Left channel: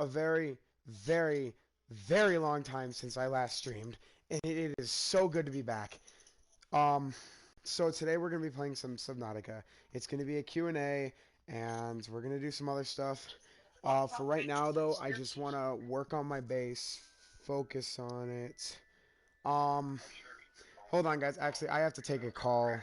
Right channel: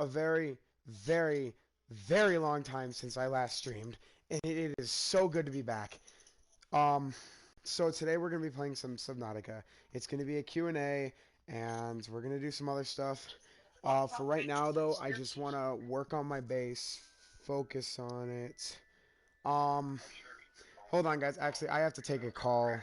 a very, very, very long time since I last streamed, and it is so good to be back. Um, so today we're gonna be playing some Subnautica. It's gonna be a Q&A, and we're gonna do some other stuff. For right now, though, I just wanna work on my base, focus on it. Um, Hold on, guys. Actually, I have to take a call.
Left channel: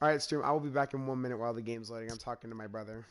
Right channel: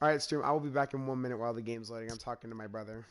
All right, stream. I will be back in 1 minute while the game's loading. I'm talking to my brother.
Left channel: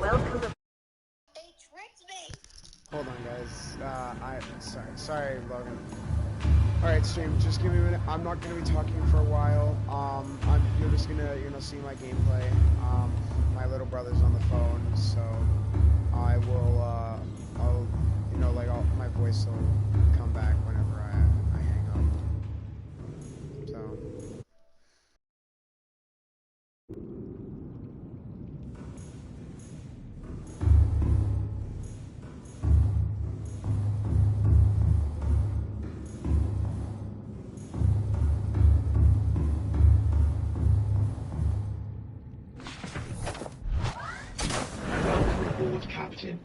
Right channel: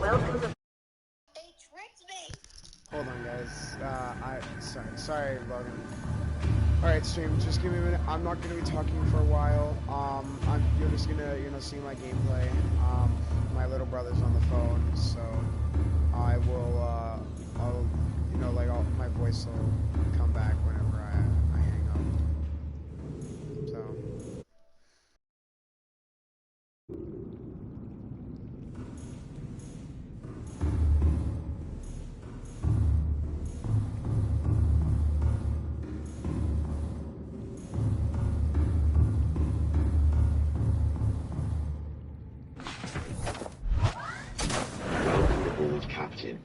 Welcome. Hold on, guys. Sorry, Logan. Alright, stream, just give me a minute. I'm not gonna be talking for a while. You're just gonna, see my gameplay. My little brother's on the phone, so I will, my voice will come back whenever I hang up. So. Captain.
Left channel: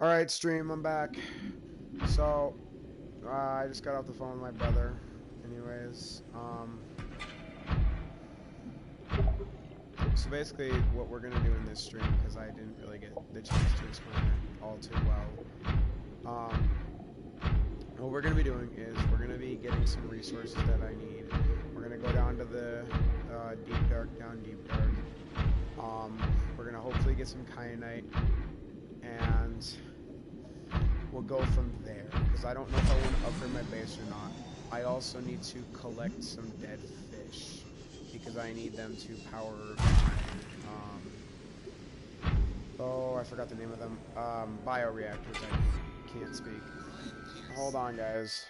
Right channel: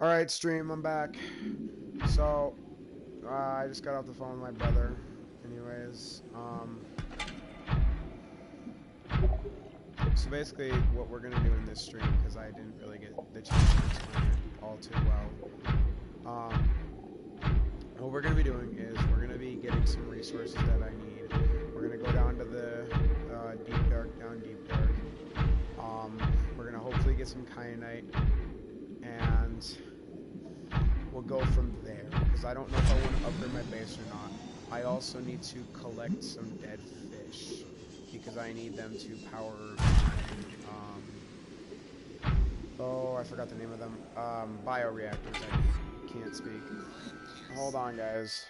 Alright, stream, I'm back. So, I just got off the phone with my brother. Anyways, so basically what we're gonna do in this stream, because I didn't really get the chance to explain it all too well, what we're gonna be doing is we're gonna be getting some resources that I need. We're gonna go down to the deep dark. We're gonna hopefully get some kyanite, and we'll go from there, because I don't know if I want to upgrade my base or not. I also need to collect some dead fish, because I need them to power I forgot the name of them, bioreactors. I can't speak. Hold on, guys.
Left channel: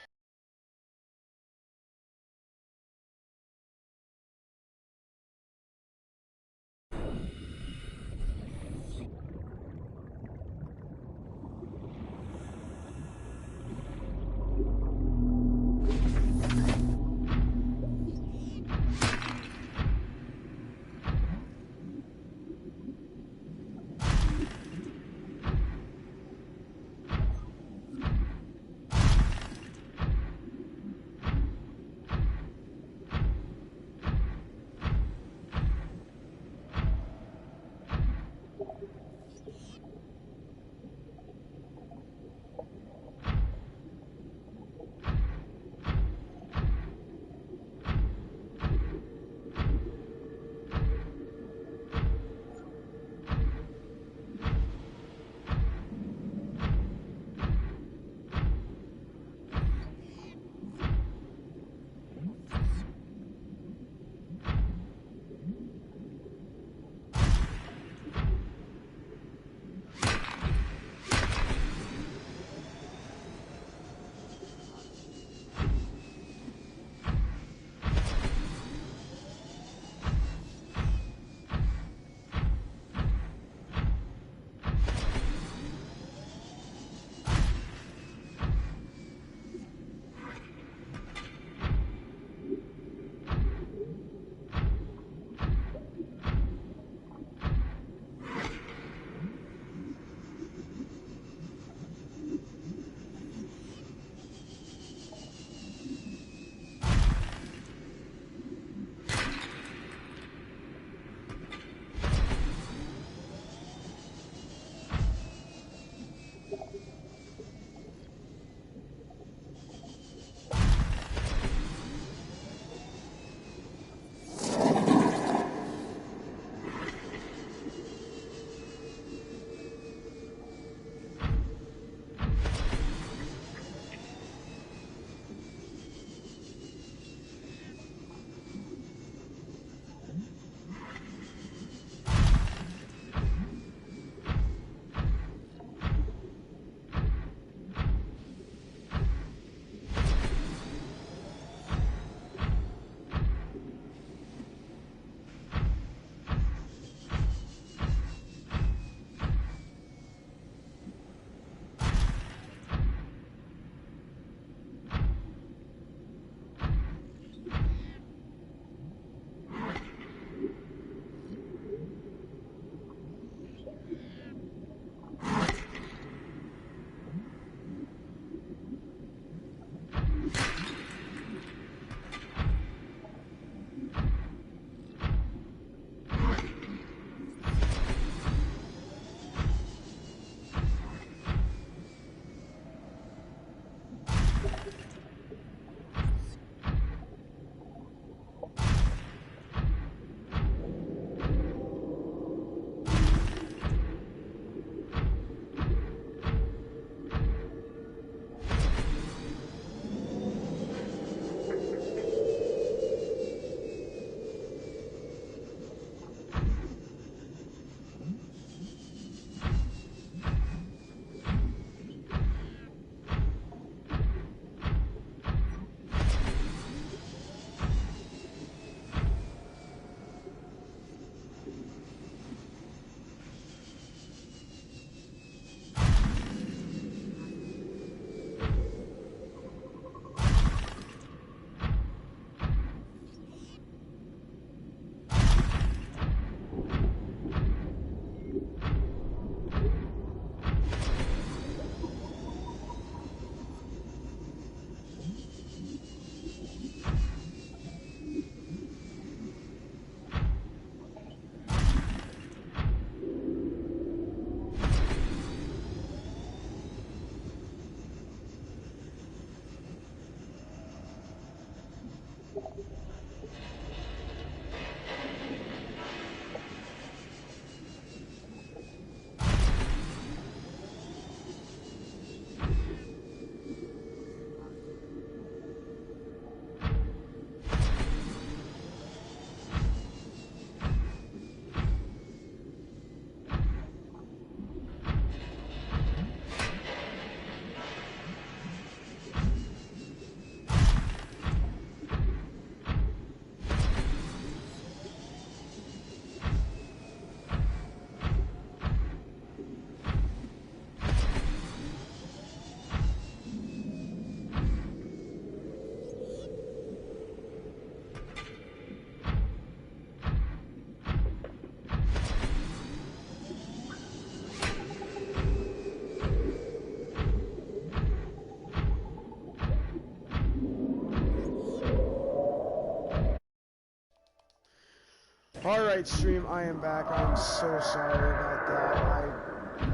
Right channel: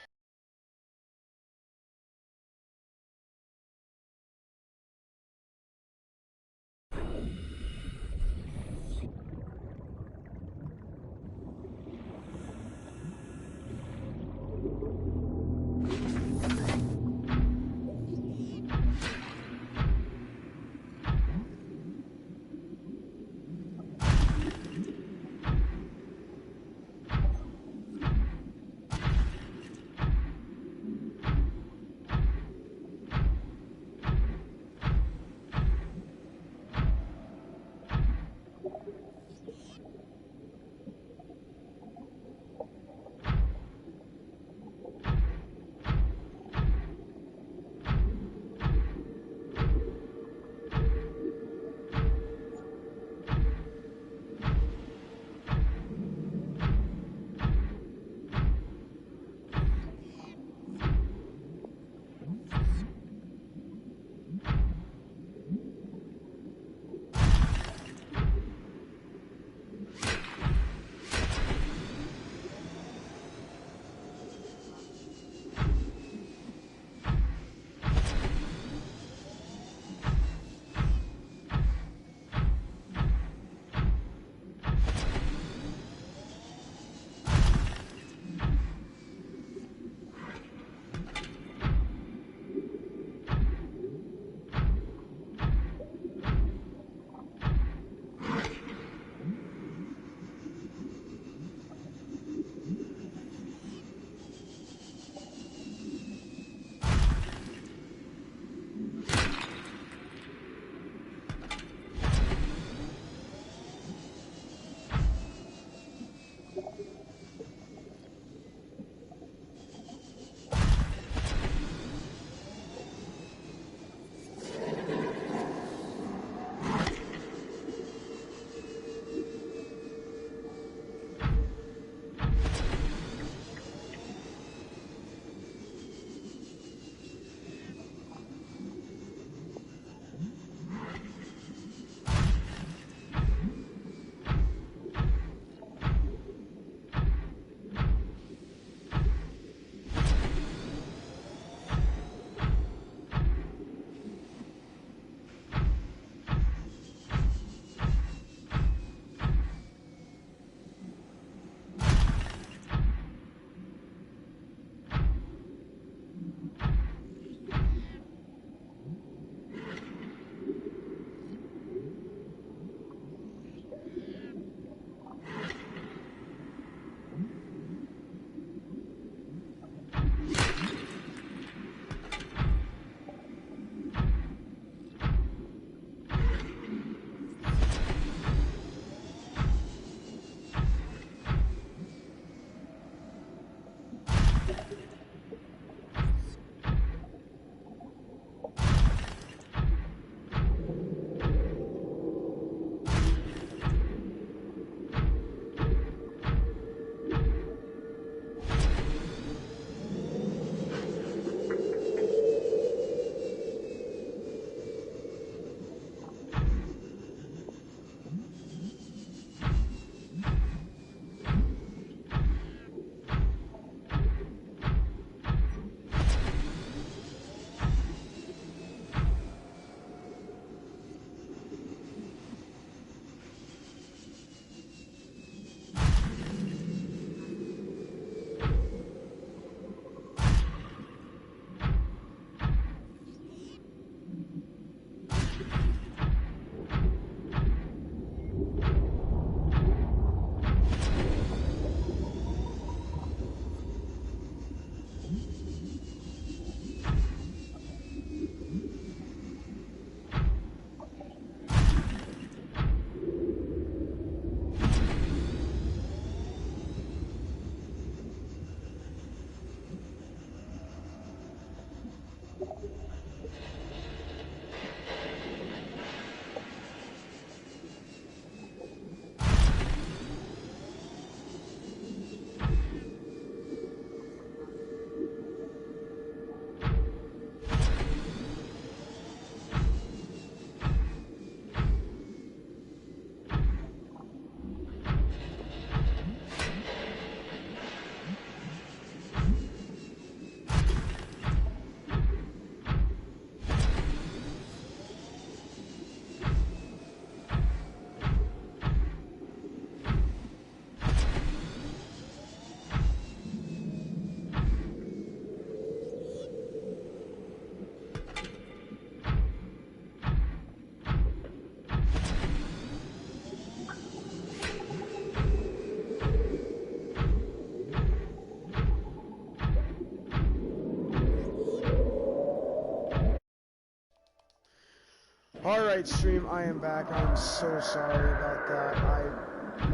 Alright, stream, I am back. I'm so sorry about that.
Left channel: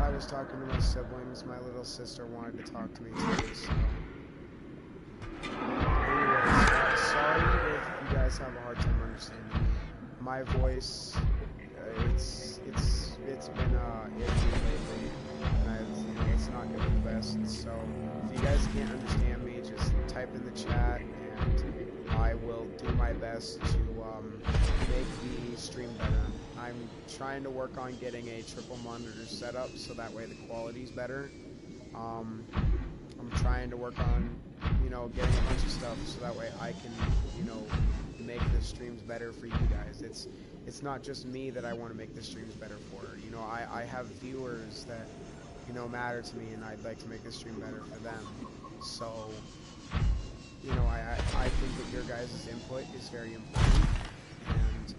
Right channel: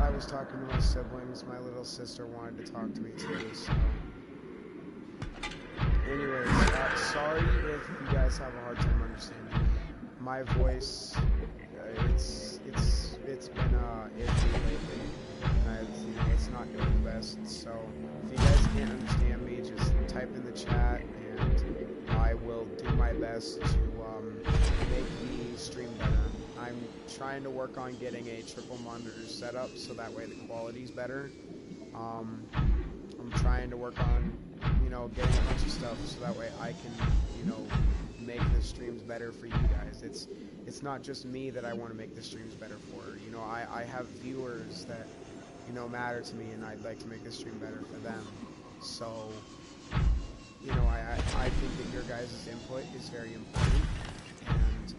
I was talking to my siblings. My little sister wanted to talk to me too, so... Anyways, sorry if you guys have a hard time understanding me. My voice, it's been iffy lately, and it's not doing the best. So if you guys can't understand me, just type in the chat, and I will do my best to make the stream better. I'm trying to work on getting a triple monitor setup so that way the quality's better. I'm trying to work on, getting a bunch of stuff so that way I can, make the streams better for you guys. It's not just me that I want to make the streams better for. I have viewers that, matter to me, and I'd like to make the stream better for them. So, I think that your guys' input is very important, and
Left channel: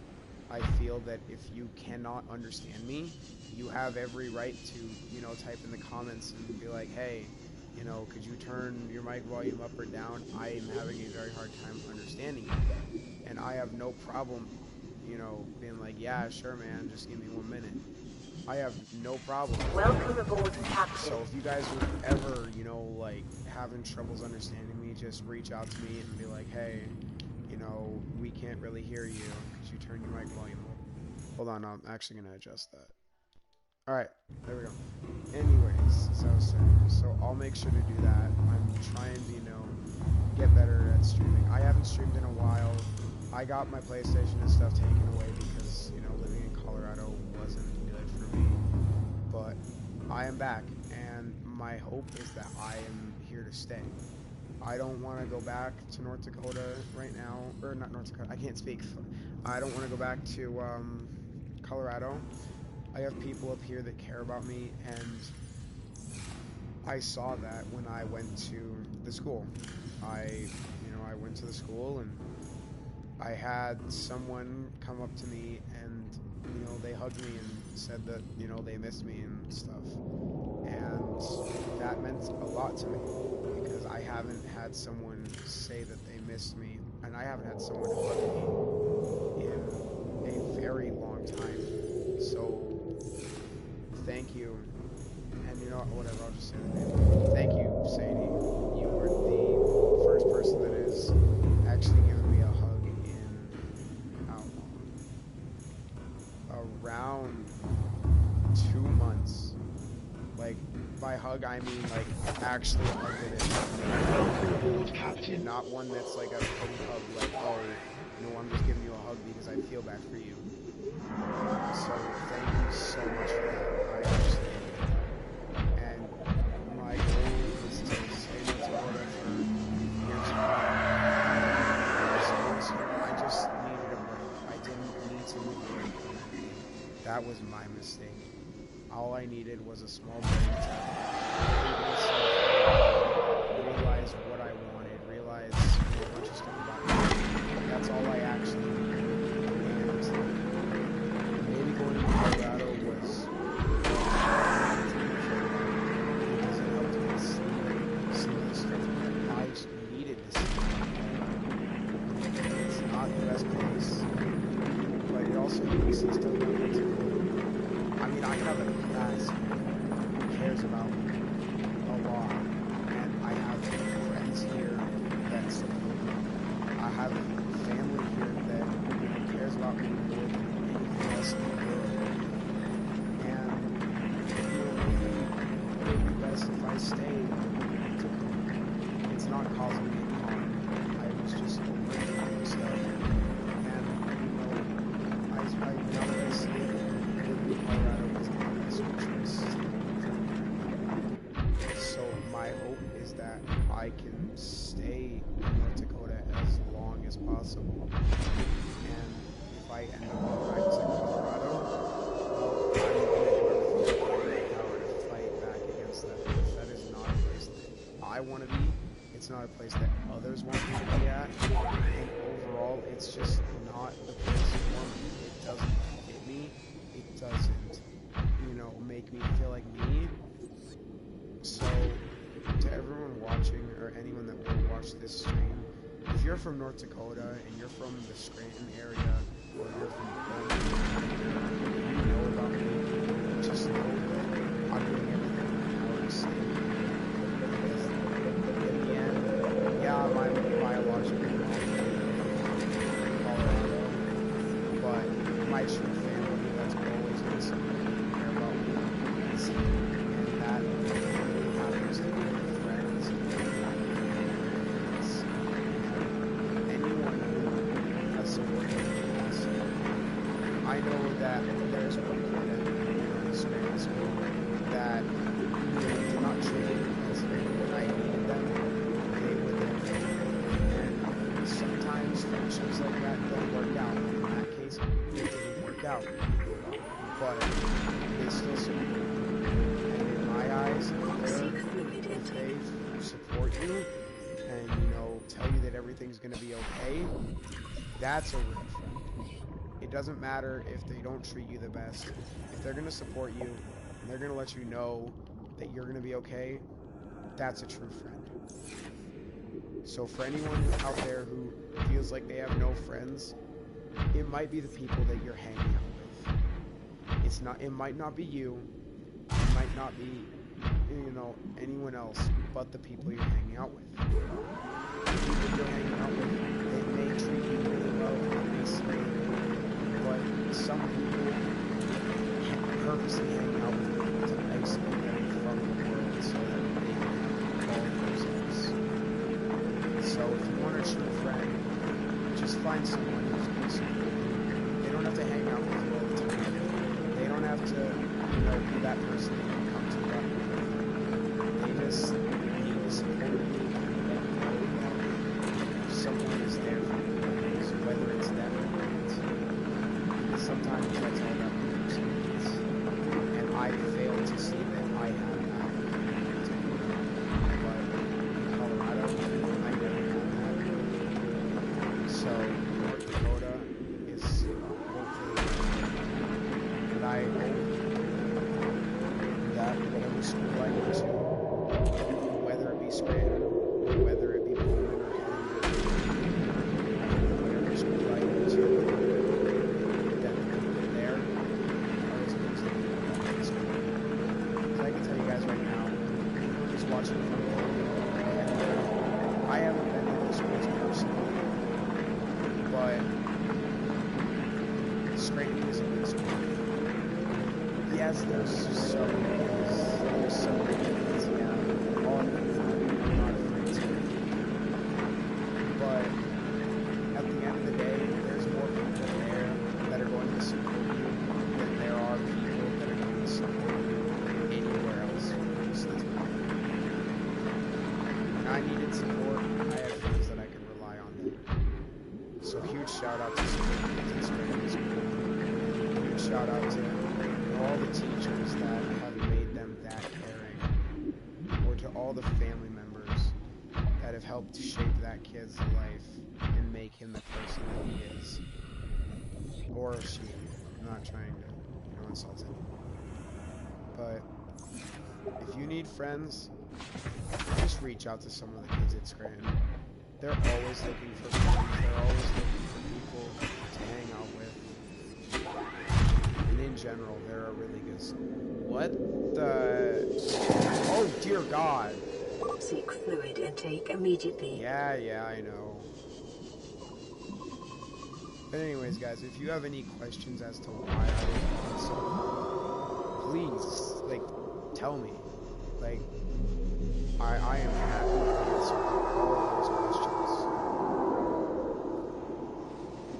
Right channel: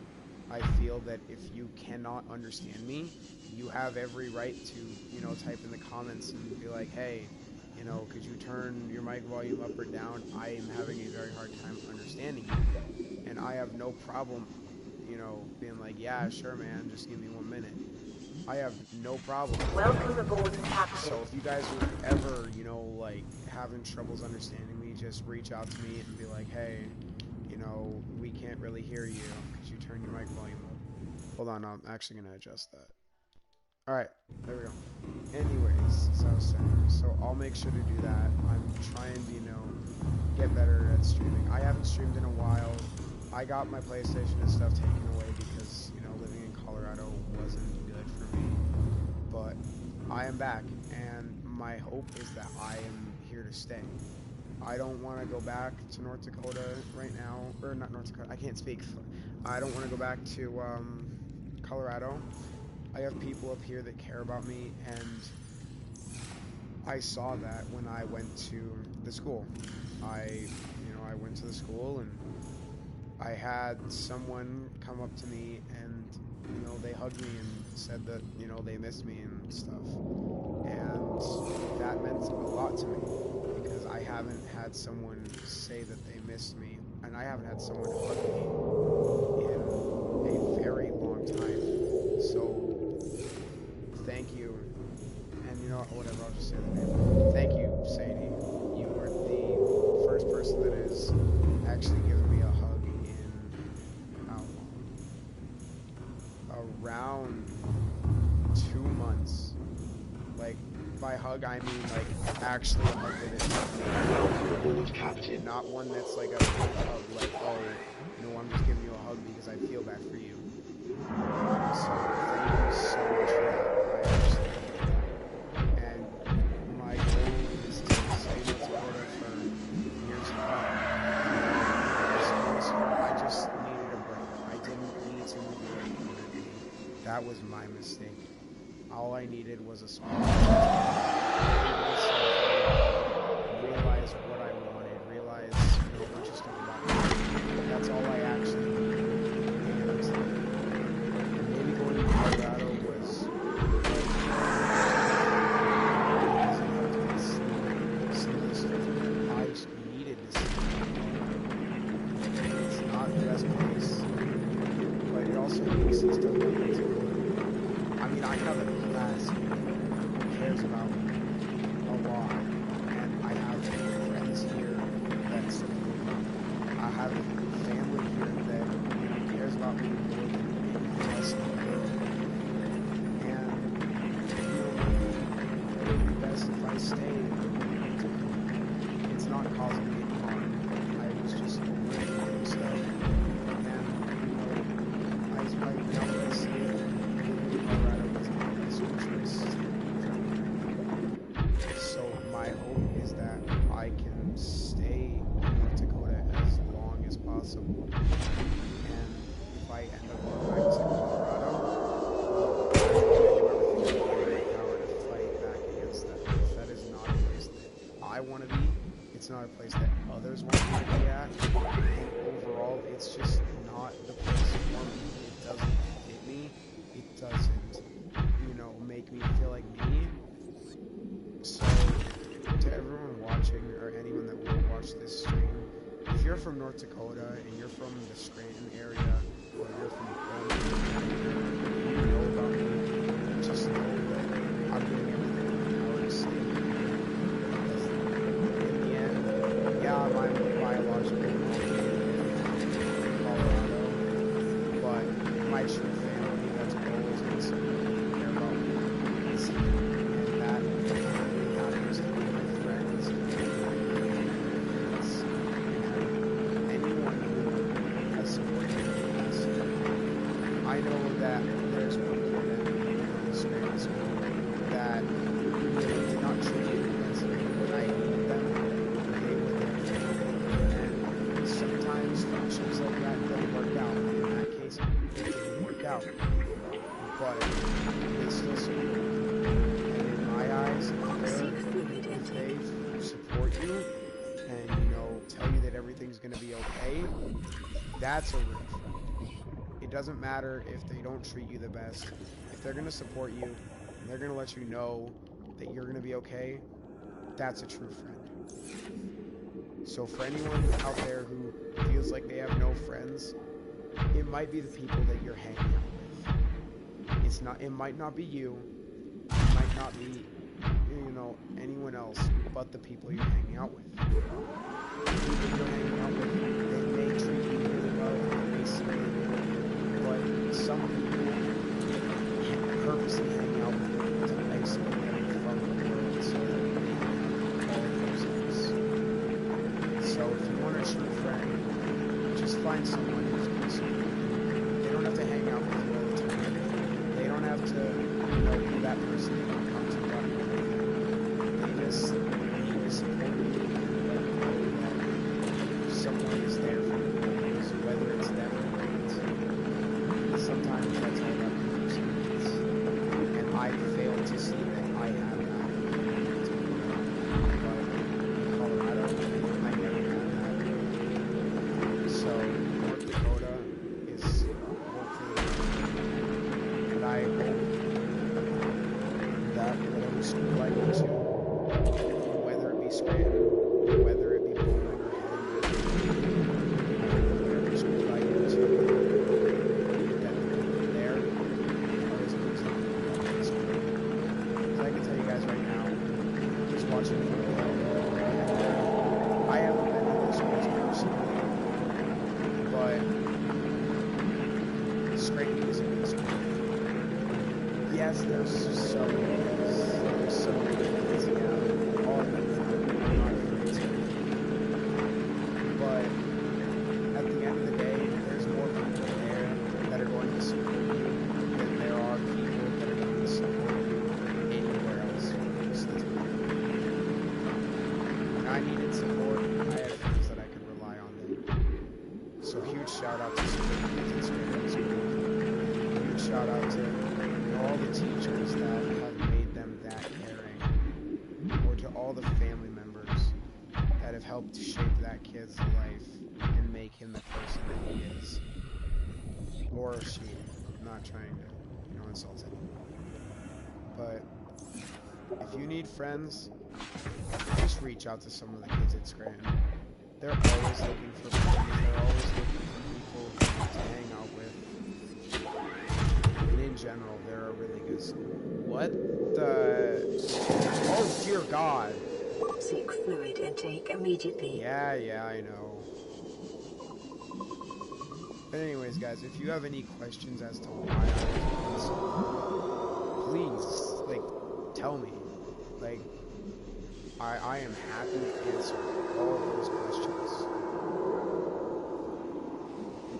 I feel that if you cannot understand me, you have every right to, type in the comments and be like, hey, could you turn your mic volume up or down? I am having a very hard time understanding you. And I have no problem, being like, yeah, sure, man, just give me 1 minute. I have no problem. Welcome aboard, Captain. So if you guys are ever, having troubles understanding me, just reach out to me and be like, hey, we can't really hear you. Could you turn your mic volume up? Hold on, I'm actually going to adjust that. Alright, there we go. Anyways, as I was saying, so I'll make sure to do that. I'm trying to, get better at streaming. I haven't streamed in a while. I got my PlayStation and stuff taken away because, living in Colorado wasn't good for me. But I am back, and my hope is that I am here to stay. I don't want to go back to North Dakota right now, or not North Dakota, I can't speak. I don't want to go back to Colorado. I have people up here that care about me, and I saw that when I went to the school. I went to the school, and I had someone come up to me, and, they hugged me and said that, they missed me and stuff. And that meant a lot to me, because I haven't had someone say that they missed me, and I haven't had someone hug me in a very long time. So, thank you, and whatever, I'll just say the name. Thank you, Sadie. You were the first person that has actually given me a hug in, how long? Around 2 months. Like, by hug, I mean, like, actually a hug that is me. Welcome aboard, Captain. Not one that's like a big hug, like, oh, I'm just giving you a hug because I feel bad for you. So, thank you so much for that. I actually need that. And my goal is to stay in North Dakota for years to come. I just needed a break. I didn't need to move away from everything. That was my mistake. All I needed was a small break to give myself realize what I wanted, realize a bunch of stuff about me. That's all I actually needed. Going to Colorado was because it helped me see the stuff that I needed to see. It's not the best place, but it also made me see stuff that I need to go. I mean, I have a class here who cares about me a lot, and I have friends here that support me. I have family here that cares about me more than anything else in the world. And maybe it would be best if I stayed. It's not causing me harm. I was just overthinking stuff. And I now that I see it, living in Colorado is not the best choice for me. So my hope is that I can stay in North Dakota as long as possible. And if I end up going back to Colorado, well, I'm going to do everything I can in my power to fight back against that. That is not a place that I want to be. It's not a place that others want me to be at. And overall, it's just not the place for me. It doesn't fit me. It doesn't, make me feel like me. So, to everyone watching, or anyone that will watch this stream, if you're from North Dakota and you're from the Scranton area, or you're from home, you know about me, just know that I'm doing everything in my power to save you. Because in the end, yeah, my biological mom in Colorado, but my true family that's always going to support me and care about me is here. And that really happens to be my friends and anyone who has supported me in the past. I know that there's one kid at this grade school that did not treat me as when I needed them, they were there for me. And sometimes friendships like that don't work out. In that case, it didn't work out. But they still support you. And in my eyes, if they support you and, tell you that everything's going to be okay, that's a real friend. It doesn't matter if they don't treat you the best. If they're going to support you and they're going to let you know that you're going to be okay, that's a true friend. So for anyone out there who feels like they have no friends, it might be the people that you're hanging out with. It might not be you. It might not be, anyone else but the people you're hanging out with. The people you're hanging out with, they may treat you really well, they may seem really cool, but some people purposely hang out with you to isolate them from the world so that they can have all themselves. So if you want a true friend, just find someone who's going to support you. They don't have to hang out with you all the time. They don't have to, be that person that you come to about everything. They just need to support you and let you know that someone is there for you, so whether it's them or not. Because sometimes that's all that person needs. And I fail to see that I have that. But in Colorado, I never had that. So North Dakota is hopefully, and I hope that whatever school I go to, whether it be Scranton, or whether it be Bowman or Heddington, I hope that whatever school I go to, that the people there are as good as the people at my school. Because I can tell you guys right now, just watching from home, and I haven't been to those schools personally, but Scranton is a good school. Yes, there's some kids, yeah, all of them, I'm not afraid to. But at the end of the day, there's more people there that are going to support you than there are people that are going to support you anywhere else most of the time. When I needed support, I had friends that I could rely on there. So huge shout out to support kids in Scranton School. And huge shout out to all the teachers that have made them that caring, or to all the family members that have helped shape that kid's life and make him the person that he is, or she. I'm not trying to, insult anyone. But if you need friends, just reach out to some of the kids at Scranton. They're always looking for friends. They're always looking for people to hang out with. And in general, they're a really good school. What the... Oh, dear God. Seek fluid intake immediately. Yeah, I know. But anyways, guys, if you have any questions as to why I was on school, please, tell me. I am happy to answer all those questions.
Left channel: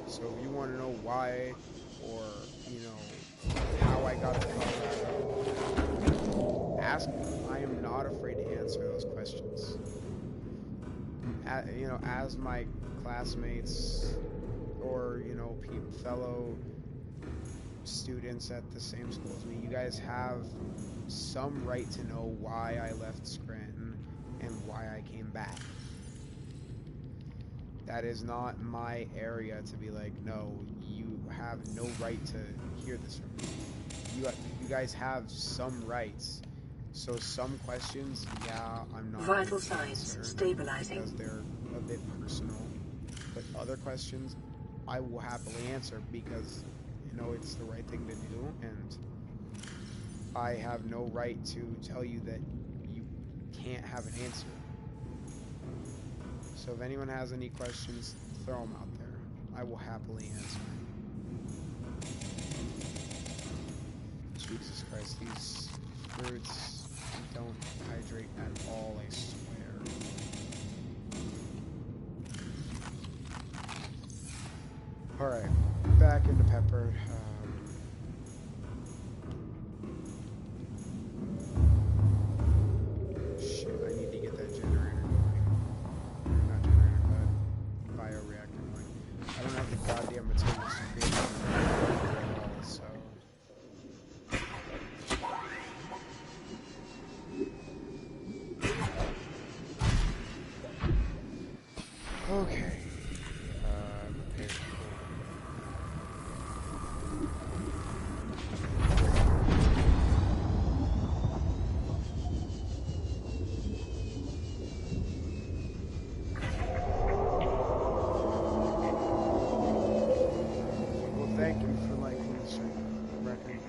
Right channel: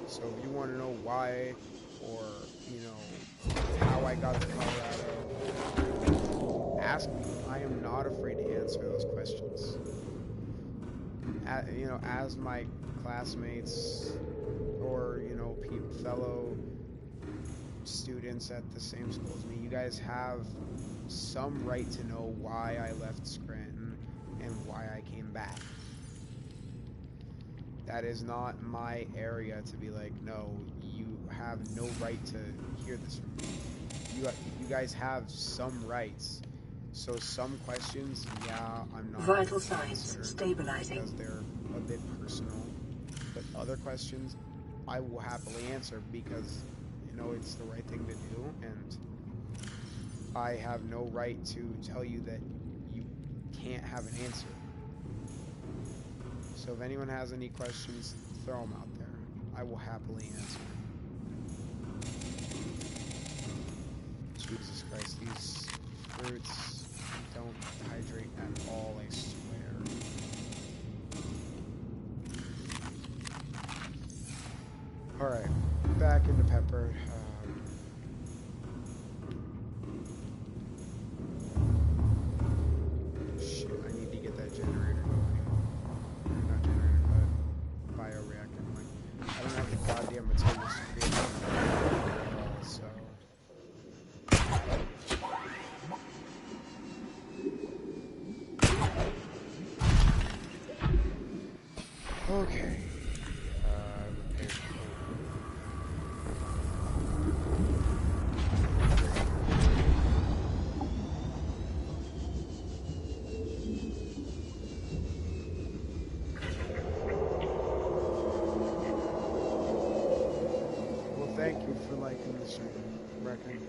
So if you want to know why, or, how I got to Colorado, ask me. I am not afraid to answer those questions. As my classmates, or, fellow students at the same school as me, you guys have some right to know why I left Scranton and why I came back. That is not my area to be like, no, you have no right to hear this from me. You guys have some rights. So some questions, yeah, I'm not Vital signs stabilizing because they're a bit personal. But other questions, I will happily answer because, you know, it's the right thing to do, and I have no right to tell you that you can't have an answer. So if anyone has any questions, throw them out there. I will happily answer. Jesus Christ, these fruits don't hydrate at all, I swear. Alright, back into Pepper. Shit, I need to get that generator going. Or not generator, but bioreactor going. I don't have the goddamn materials to create a generator at all, so... Okay. Repair. Well, thank you for liking the stream, Reckon.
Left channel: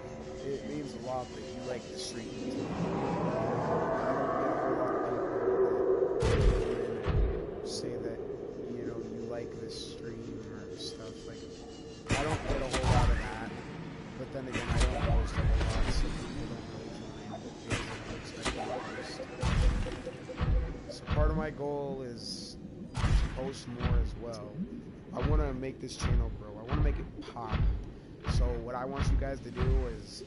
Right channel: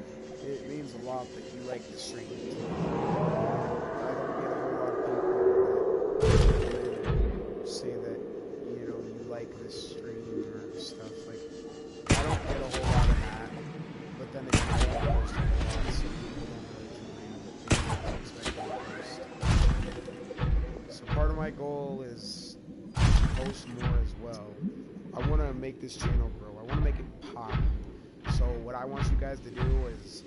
It means a lot that you like the stream. I don't get a whole lot of people that come in and say that, you know, you like this stream or stuff. Like, I don't get a whole lot of that. But then again, I don't post a whole lot, so people don't really join because I don't expect them to post. So part of my goal is to post more as well. I want to make this channel grow. I want to make it pop. So what I want you guys to do is,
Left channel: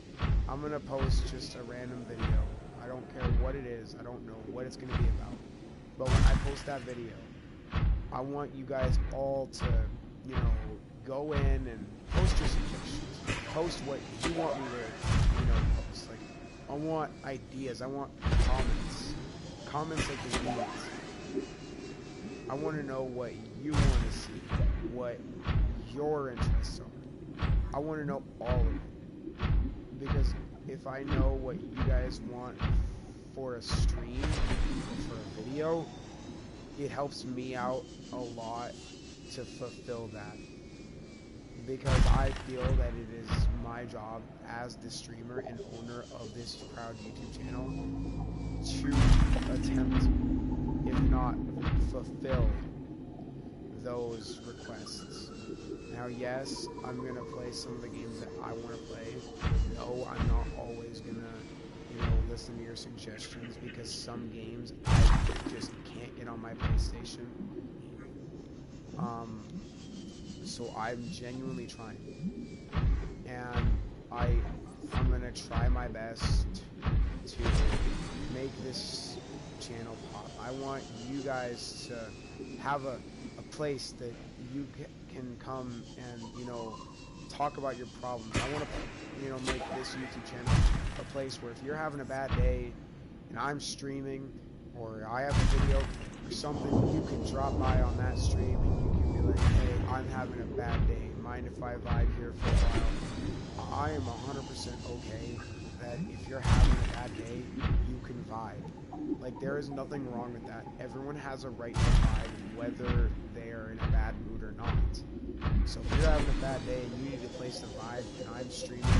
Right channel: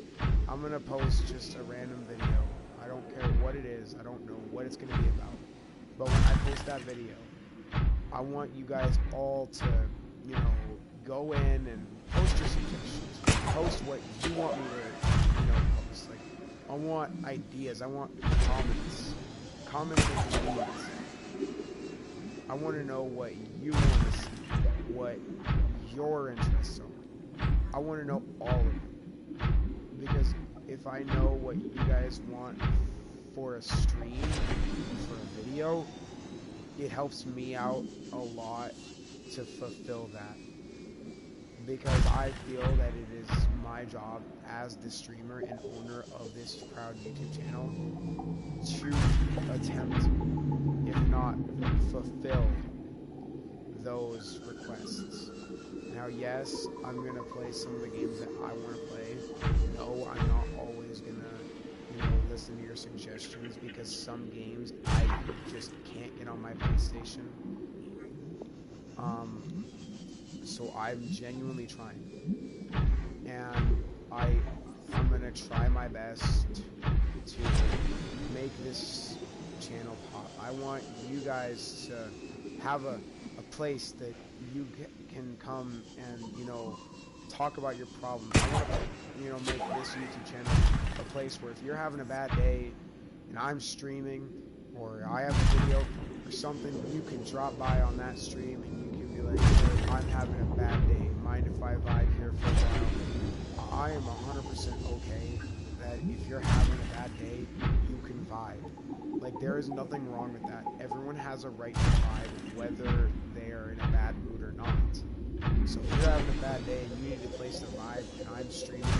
I'm going to post just a random video. I don't care what it is. I don't know what it's going to be about. But when I post that video, I want you guys all to, you know, go in and post your suggestions. Post what you want me to, you know, post. Like, I want ideas. I want comments. Comments and convenience. I want to know what you want to see. What your interests are. I want to know all of it. Because if I know what you guys want for a stream, for a video, it helps me out a lot to fulfill that. Because I feel that it is my job as the streamer and owner of this proud YouTube channel to attempt, if not fulfill, those requests. Now, yes, I'm gonna play some of the games that I want to play. No, I'm not always gonna, you know, listen to your suggestions because some games I just can't get on my PlayStation. So I'm genuinely trying, and I'm gonna try my best to make this channel pop. I want you guys to have a place that you can come and, you know, talk about your problems. I want to, you know, make this YouTube channel a place where if you're having a bad day and I'm streaming or I have a video or something, you can drop by on that stream and you can be like, hey, I'm having a bad day. Mind if I vibe here for a while? I am 100% okay that if you're having a bad day, you can vibe. Like, there is nothing wrong with that. Everyone has a right to vibe, whether they are in a bad mood or not. So if you're having a bad day and you need a place to vibe and I'm streaming,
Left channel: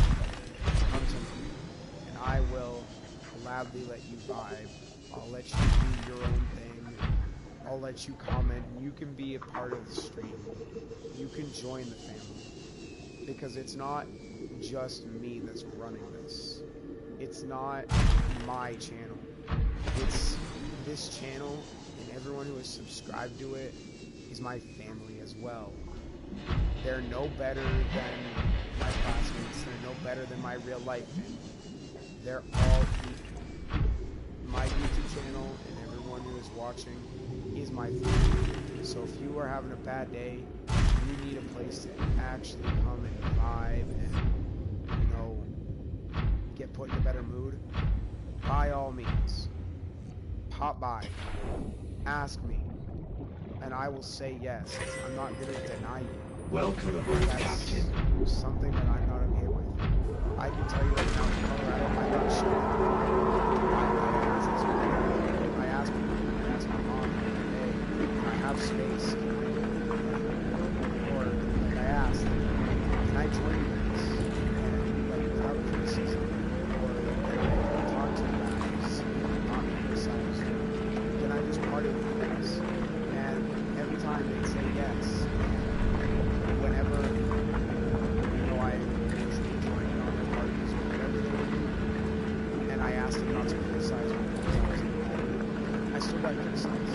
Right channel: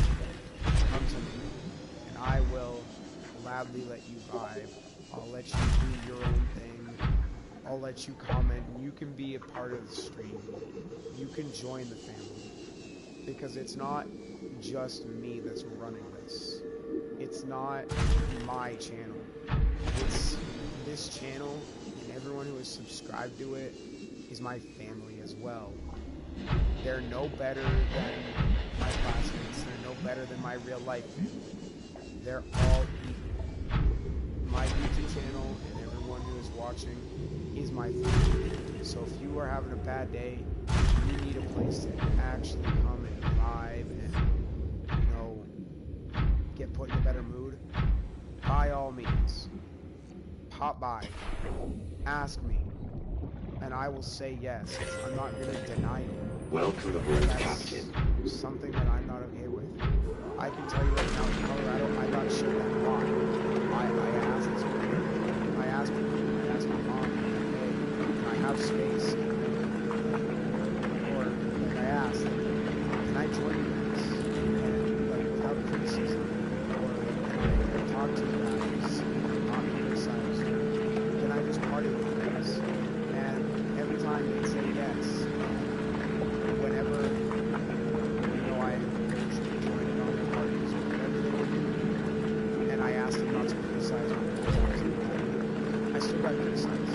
come to me and I will gladly let you vibe. I'll let you do your own thing. I'll let you comment and you can be a part of the stream. You can join the family because it's not just me that's running this. It's not my channel. It's this channel, and everyone who is subscribed to it is my family as well. They're no better than my classmates. They're no better than my real life family. They're all equal. My YouTube channel and everyone who is watching is my family. So if you are having a bad day, you need a place to actually come and vibe and, you know, get put in a better mood, by all means, pop by, ask me, and I will say yes. I'm not going to deny you. Welcome aboard, Captain. Something that I'm not okay with. I can tell you right now, in Colorado, I got shit on mine. I asked my mom, hey, can I have space? Or, like, I I asked him not to criticize me because I was mad. I still got criticized.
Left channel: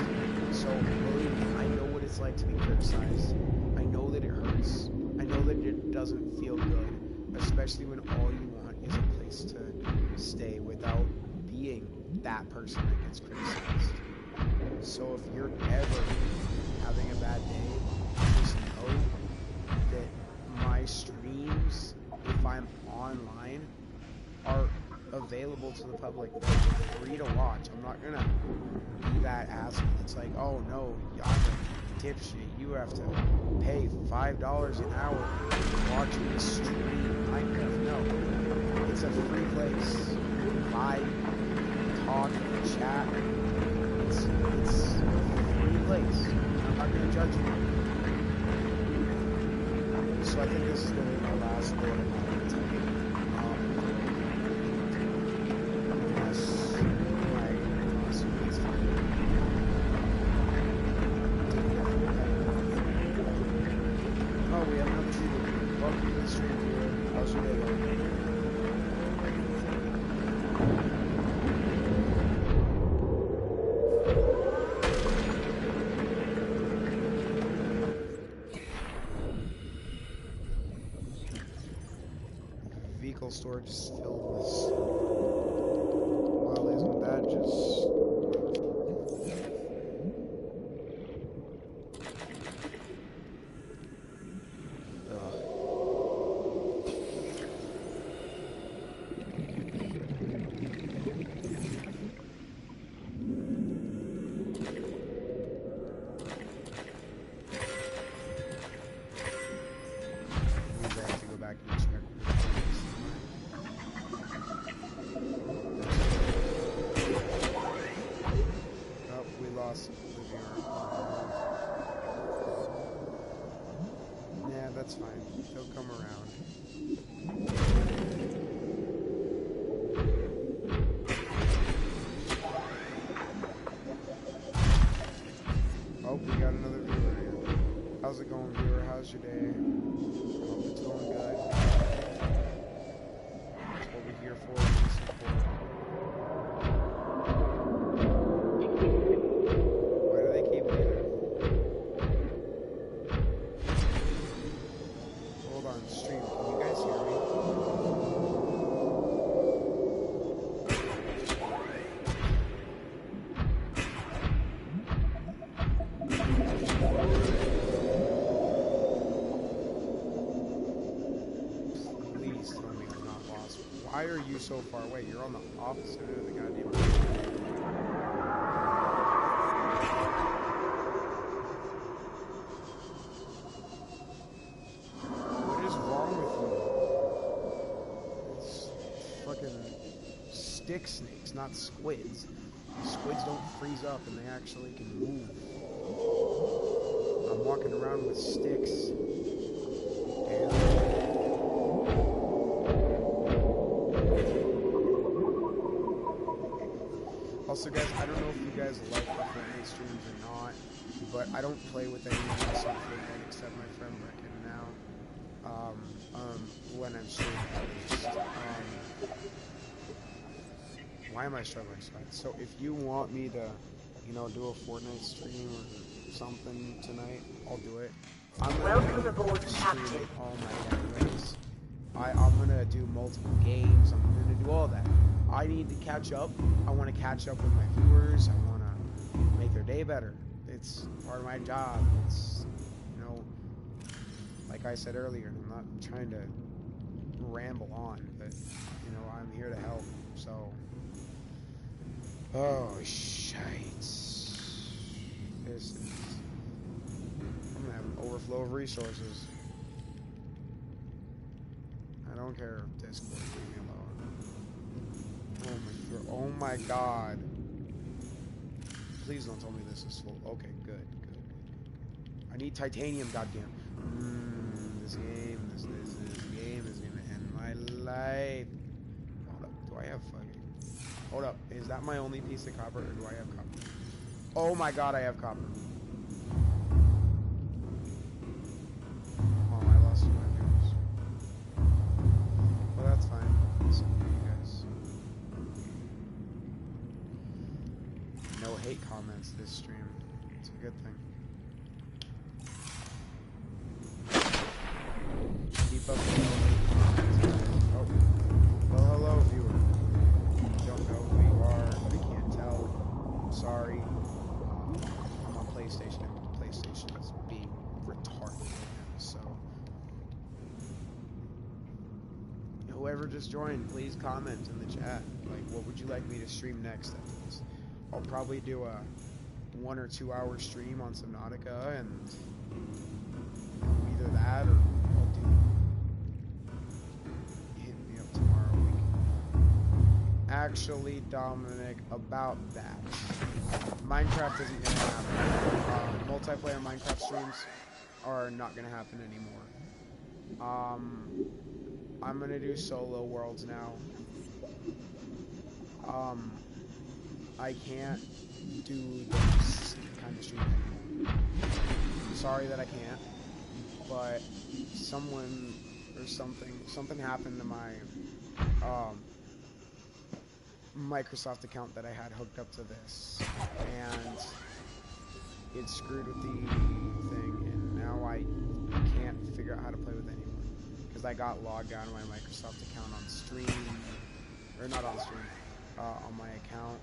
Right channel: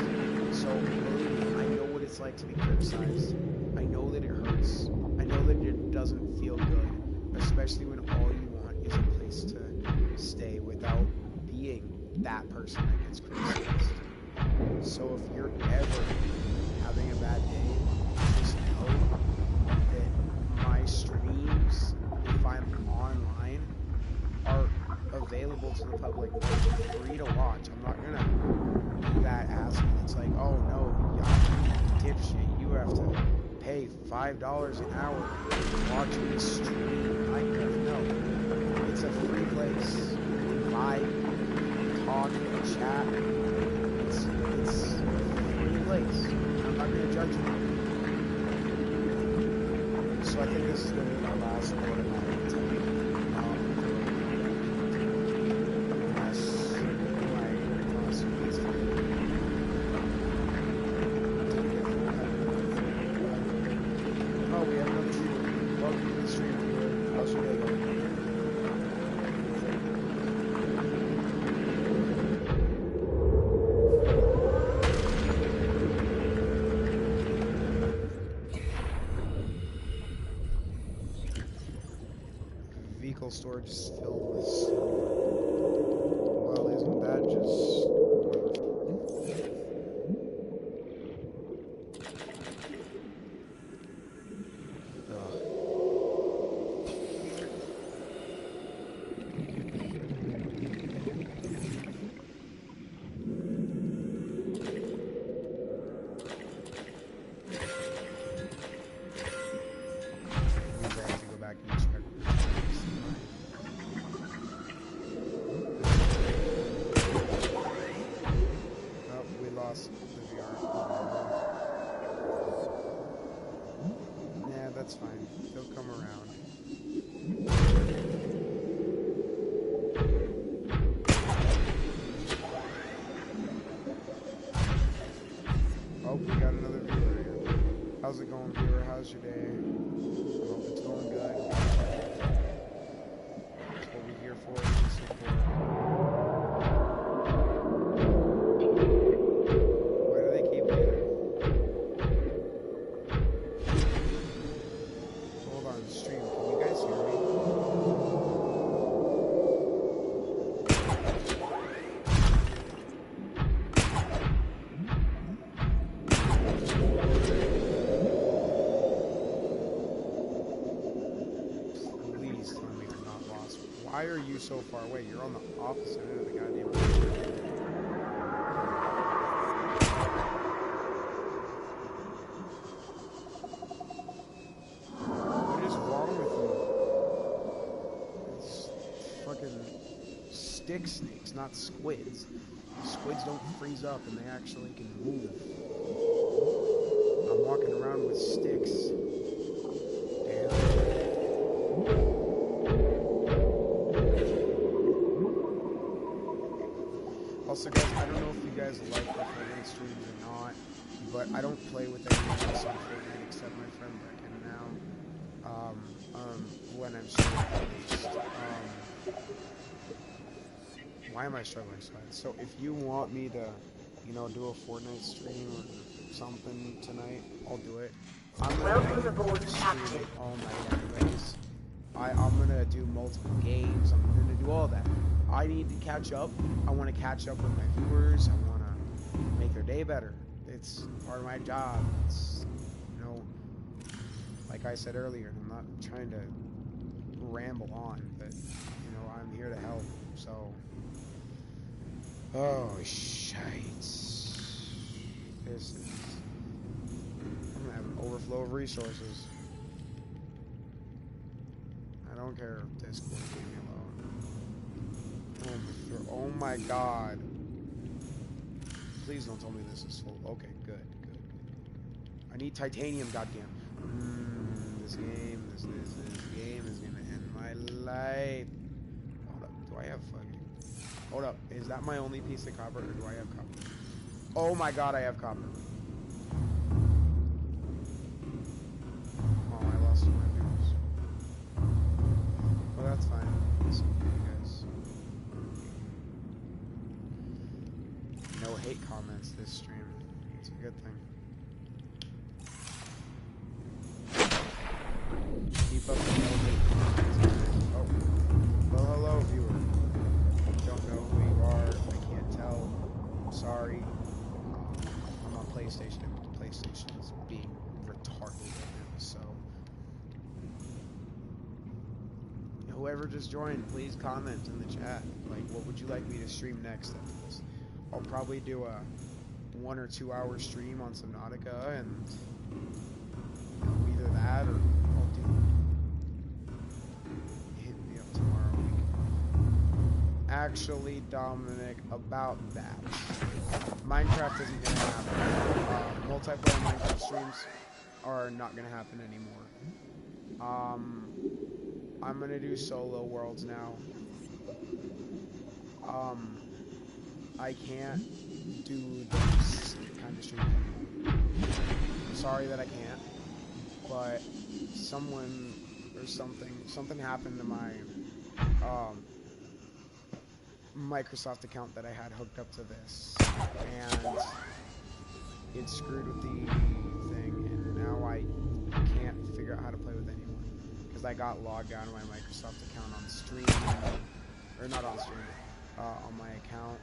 So believe me, I know what it's like to be criticized. I know that it hurts. I know that it doesn't feel good, especially when all you want is a place to stay without being that person that gets criticized. So if you're ever having a bad day, just know that my streams, if I'm online, are available to the public. They're free to watch. I'm not gonna be that asshole. It's like, oh no, I'm a dipshit. You have to pay $5 an hour to watch me stream Minecraft. No, it's a free place. You can vibe, talk, chat. It's a free place. I'm not gonna judge you. So I think this is gonna be my last one I'm gonna tell you. Oh, we have another viewer. Welcome to the stream, viewer. How's your day going? Vehicle storage is filled with snow. Well, isn't that just that's fine. They'll come around. Oh, we got another viewer here. How's it going, viewer? How's your day? I hope it's going good. That's what we're here for, to support. Why do they keep leaving? Hold on, stream. Can you guys hear me? Please tell me I'm not lost. Why are you so far away? You're on the opposite end of the goddamn road. Stick snakes, not squids. Squids don't freeze up and they actually can move. I'm walking around with sticks. Damn. Also, guys, I don't know if you guys like the Fortnite streams or not, but I don't play with anyone else on Fortnite except my friend Brecken now. When I'm streaming, at least. Why am I struggling so bad? So if you want me to, you know, do a Fortnite stream or something tonight, I'll do it. I'm gonna stream it all night anyways. I'm gonna do multiple games. I'm gonna do all that. I need to catch up. I want to catch up with my viewers. I want to make their day better. It's part of my job. It's, you know, like I said earlier, and I'm not trying to ramble on, but, you know, I'm here to help, so... Oh, shite. This is... I'm gonna have an overflow of resources. I don't care if Discord, leave me alone. Oh my god. Please don't tell me this is full. Okay, good. I need titanium, goddamn. This game is gonna end my life. Hold up, do I have fucking... Hold up, is that my only piece of copper, or do I have copper? Oh my god, I have copper. Oh, I lost my viewers. Well, that's fine. Listen to you guys. No hate comments this stream. It's a good thing. Keep up the no hate comments, guys. Oh. Well, hello, viewer. Don't know who you are. I can't tell. I'm sorry. I'm on PlayStation, and PlayStation is being retarded right now, so. Whoever just joined, please comment in the chat. Like, what would you like me to stream next after this? I'll probably do a 1 or 2 hour stream on Subnautica, and either that or I'll do hit me up tomorrow week. Actually, Dominic, about that, Minecraft isn't gonna happen. Multiplayer Minecraft streams are not gonna happen anymore. I'm gonna do solo worlds now. I can't do this kind of stream anymore. Sorry that I can't, but someone or something happened to my Microsoft account that I had hooked up to this, and it screwed with the thing, and now I can't figure out how to play with anyone because I got logged out of my Microsoft account on stream, or not on stream, on my account.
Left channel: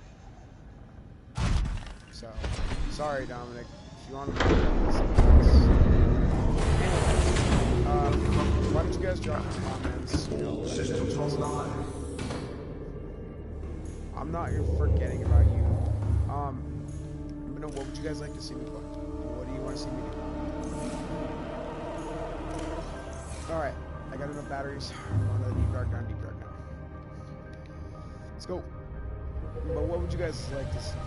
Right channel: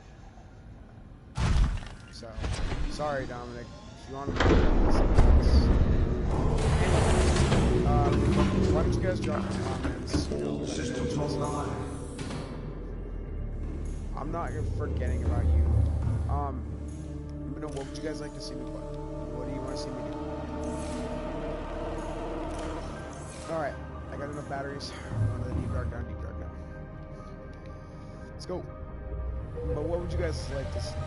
So, sorry, Dominic. If you want to anyway, why don't you guys drop some comments? Systems online. I'm not forgetting about you. But no, what would you guys like to see me play? What do you want to see me do? Alright, I got enough batteries. I'm going to the deep dark down. Let's go. But what would you guys like to see?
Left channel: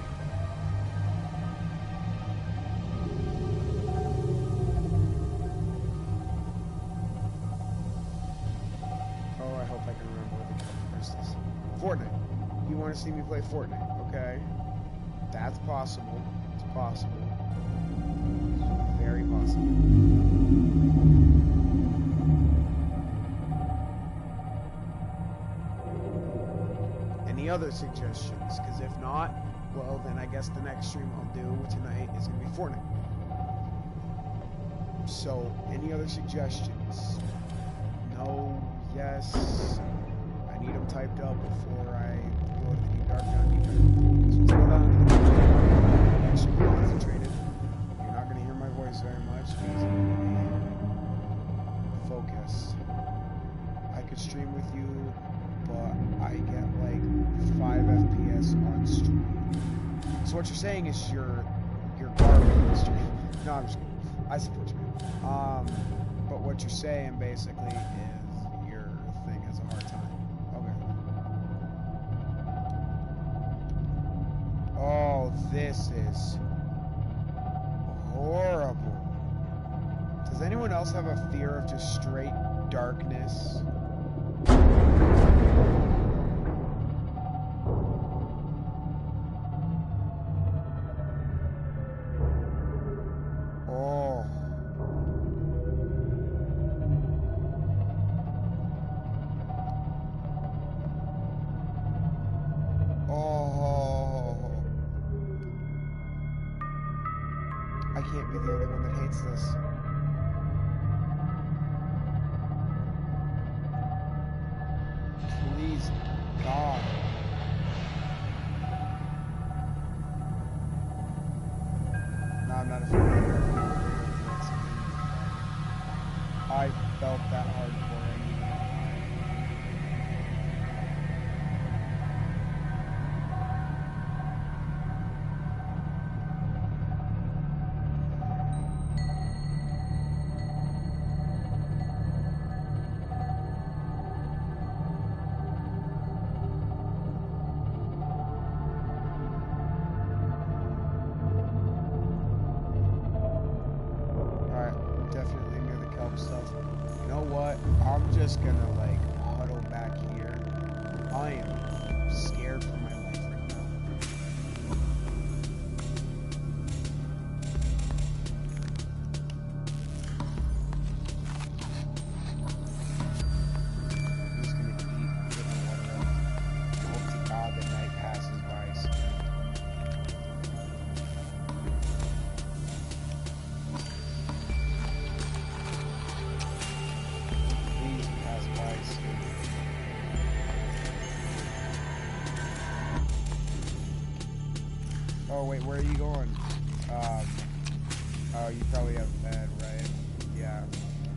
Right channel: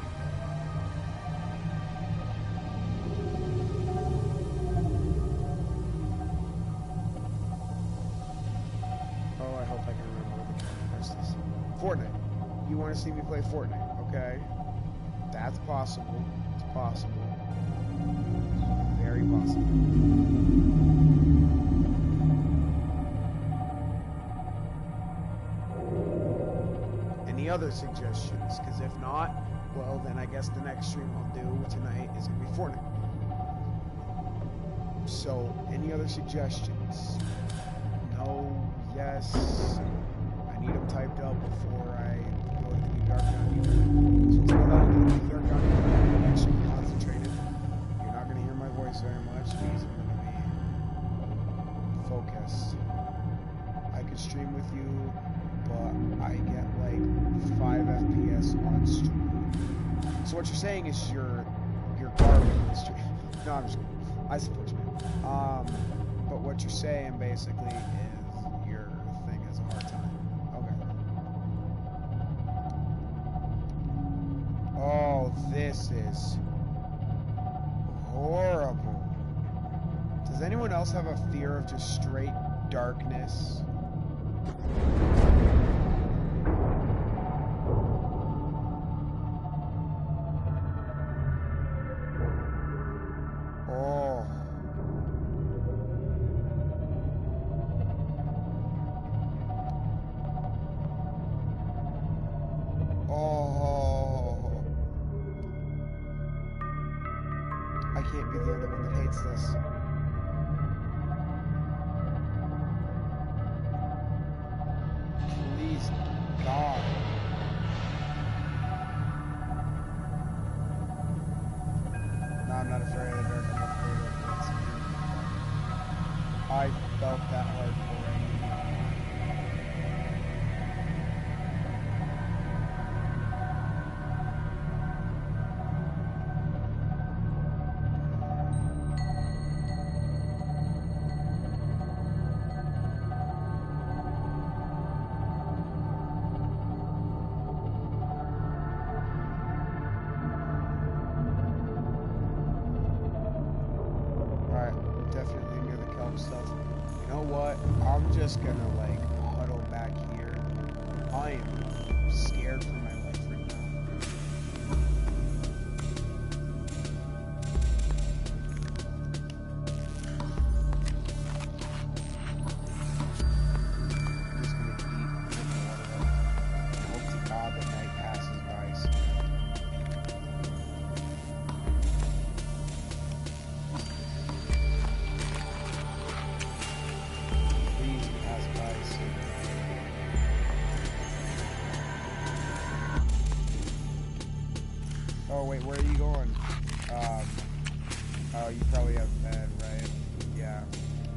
Oh, I hope I can remember what the character is. Fortnite. You want to see me play Fortnite? Okay. That's possible. It's possible. It's very possible. Any other suggestions? Because if not, well, then I guess the next stream I'll do tonight is going to be Fortnite. So, any other suggestions? No, yes. I need them typed up before I go to the deep dark down deeper. So let's go down to the deep dark down deeper. Actually, be concentrated. You're not going to hear my voice very much because I'm going to be focused. I could stream with you, but I get like 5 FPS on stream. So what you're saying is you're garbage on stream. No, I'm just kidding. I support you, man. But what you're saying basically is your thing has a hard time. Okay. Oh, this is horrible. Does anyone else have a fear of just straight darkness? Oh. Oh. I can't be the only one that hates this. Please, God. No, I'm not afraid of the dark. I'm not afraid of what's in the dark. I felt that hardcore. I need not lie. Definitely near the kelp stuff. You know what? I'm just gonna like huddle back here. I am scared for my life right now. I'm just gonna eat, get my water up, and hope to God the night passes by soon. Oh, wait, where are you going? Oh, you probably have bed, right? Yeah.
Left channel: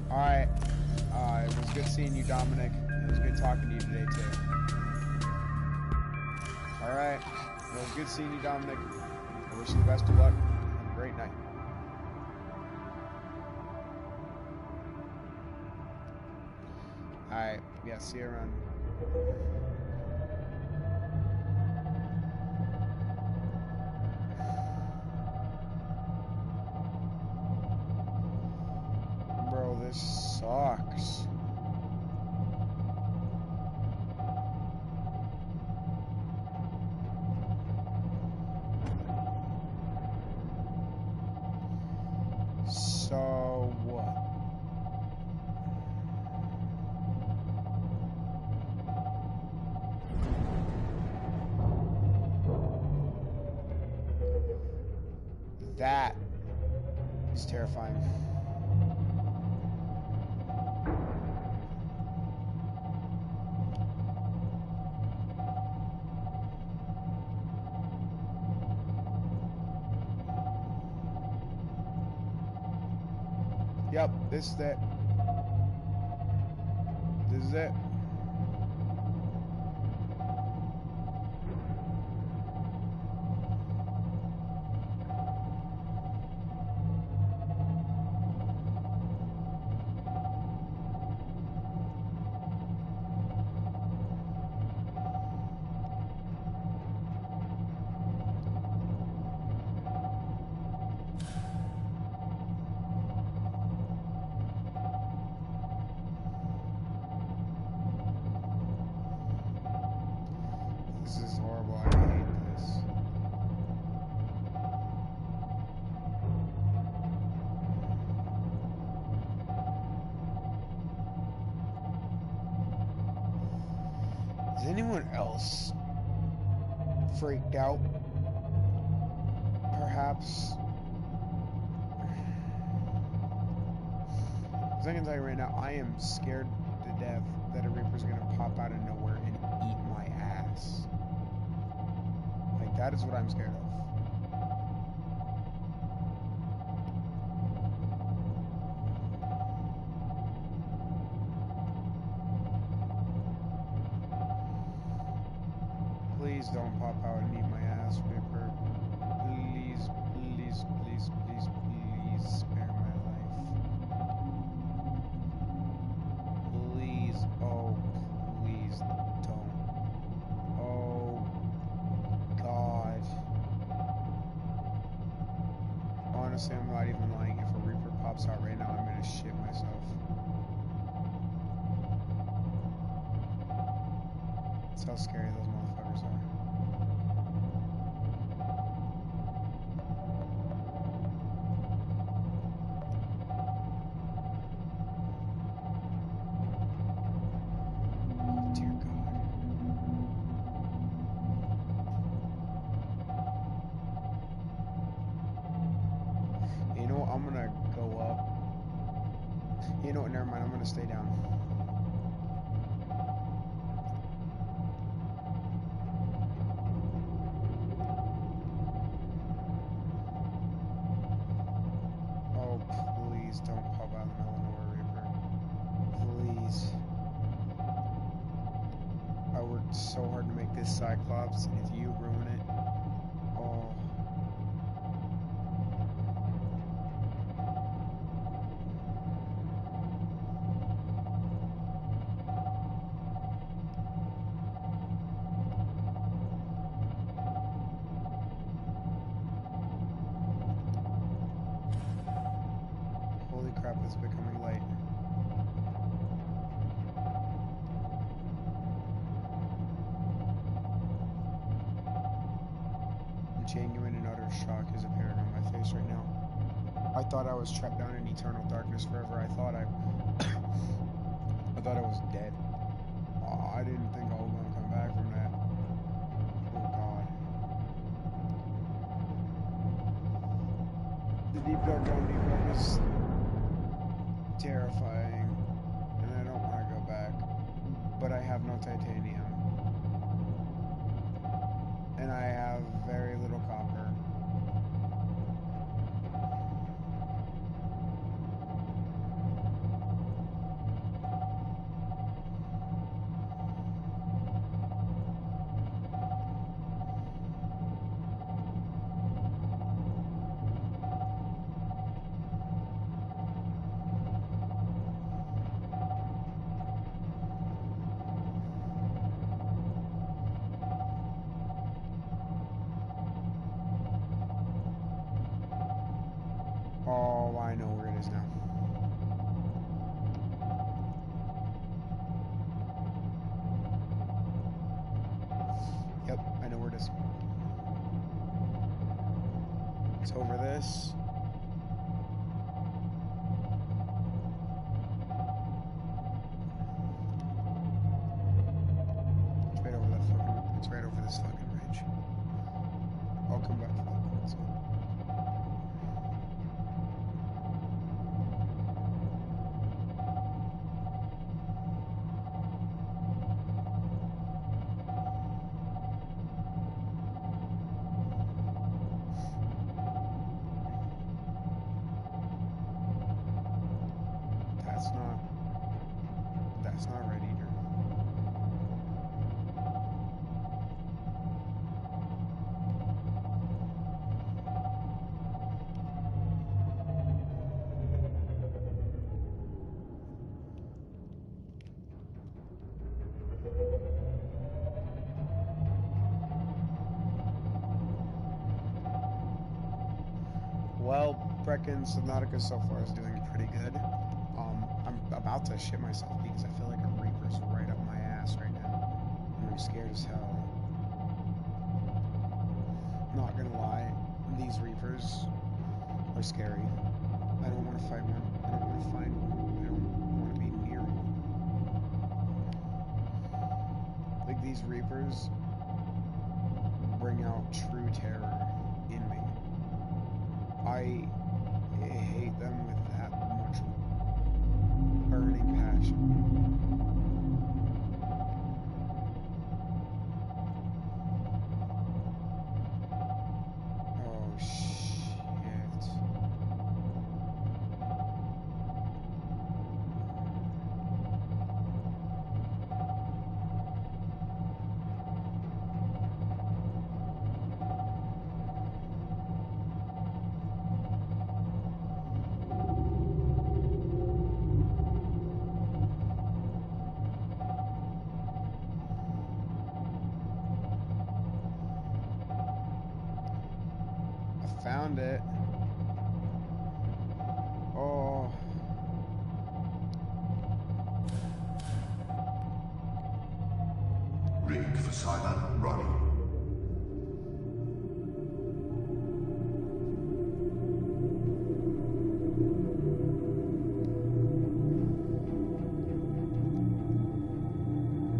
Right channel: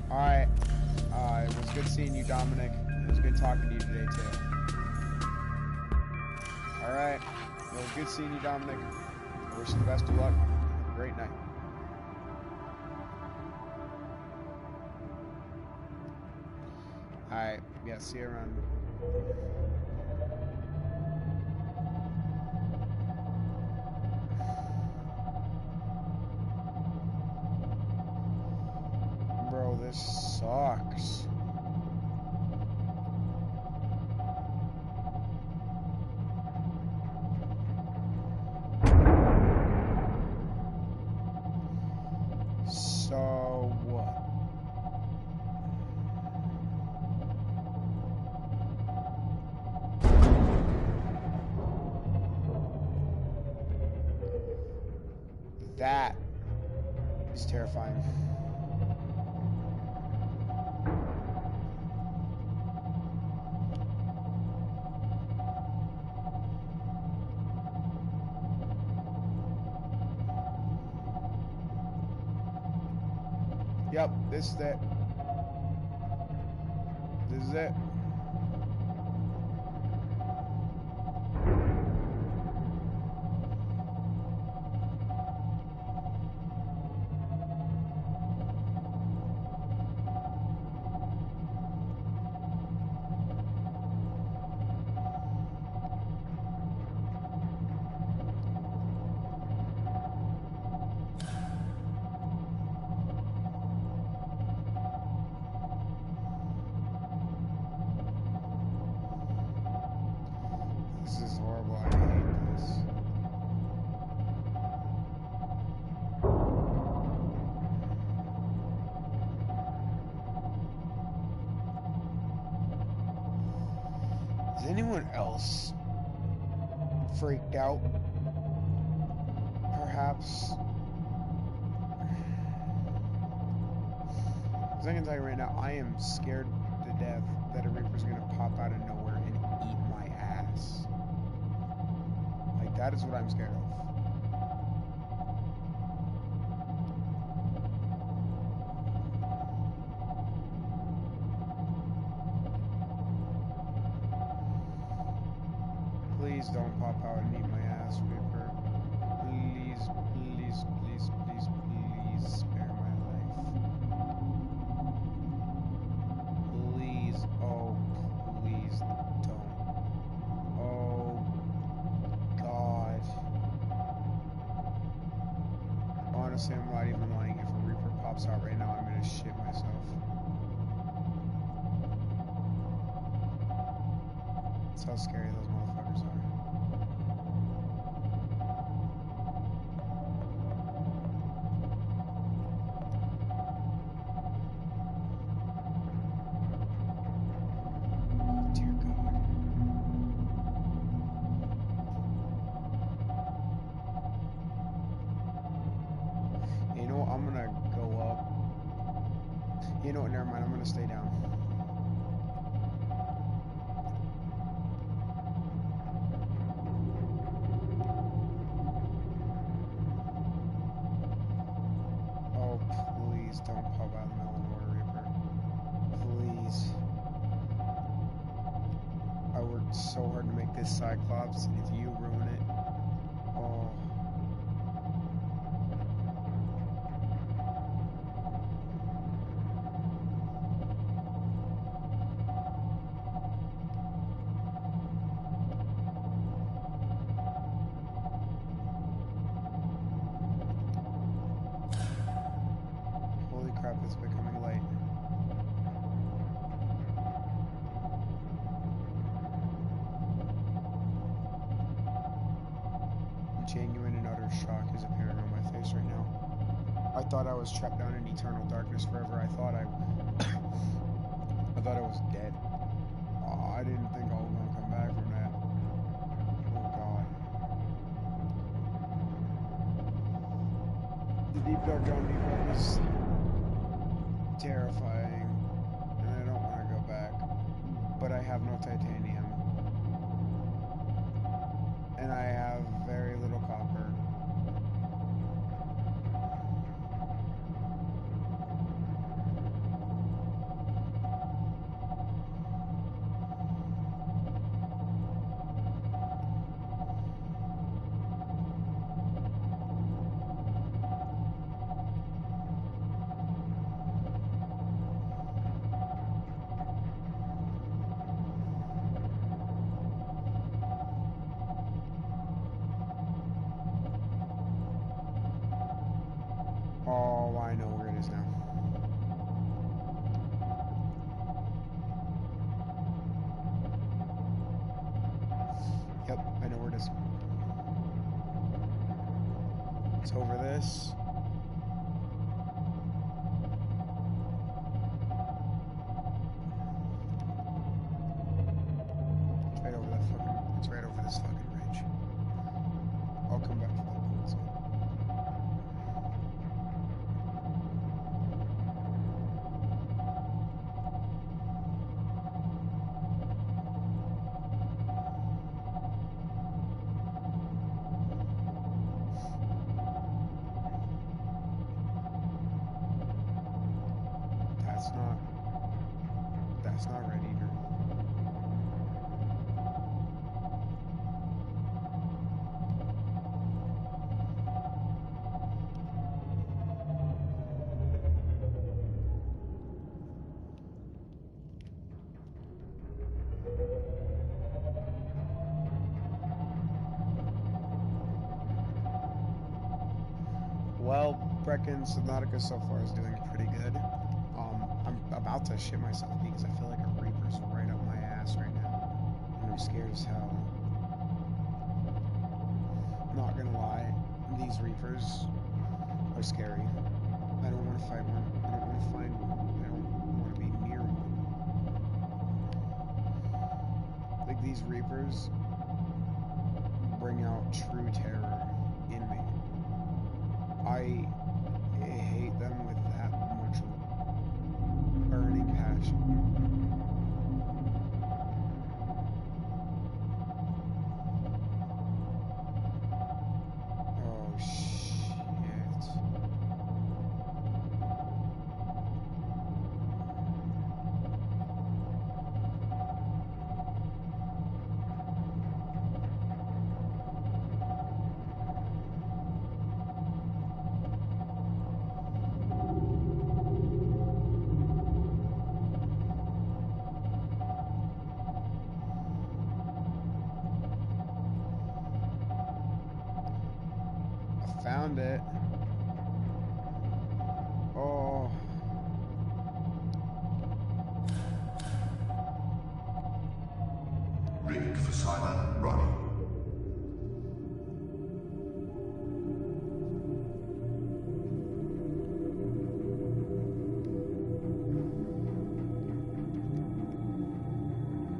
Alright. It was good seeing you, Dominic. It was good talking to you today, too. Alright. It was good seeing you, Dominic. I wish you the best of luck. Have a great night. Alright. Yeah, see you around. Bro, this sucks. So what? That is terrifying. Yep, this is it. This is it. This is horrible. I hate this. Is anyone else freaked out? Perhaps. Because I can tell you right now, I am scared to death that a Reaper's gonna pop out of nowhere and eat my ass. Like, that is what I'm scared of. Please don't pop out and eat my ass, Reaper. Please, please, please, please, please spare my life. Please, oh, please don't. Oh, God. Honestly, I'm not even lying. If a Reaper pops out right now, I'm gonna shit myself. That's how scary those motherfuckers are. Oh, dear God. You know what? I'm gonna go up. You know what? Never mind. I'm gonna stay down. Oh, please don't pop out in the middle of nowhere, Reaper. Please. I worked so hard to make this Cyclops, and if you ruin it, oh. Holy crap, it's becoming late. Genuine and utter shock is appearing on my face right now. I thought I was trapped down in eternal darkness forever. I thought I was dead. I didn't think I was gonna come back from that. Oh God. The deep dark down deep dark is terrifying, and I don't want to go back. But I have no titanium. And I have very little copper. Oh, I know where it is now. Yep, I know where it is. It's over this. It's right over that fucking. It's right over this fucking ridge. I'll come back to that point soon. That's not right either. Well, Brecken Subnautica so far is doing pretty good. I'm about to shit myself because I feel like a Reaper's right up my ass right now. And I'm scared as hell. Not gonna lie, these Reapers are scary. I don't want to fight one. I don't want to find one. I don't want to be near one. Like, these Reapers bring out true terror in me. I hate them with that much of a burning passion. Oh, shit. Found it. Oh. Rig for Simon running.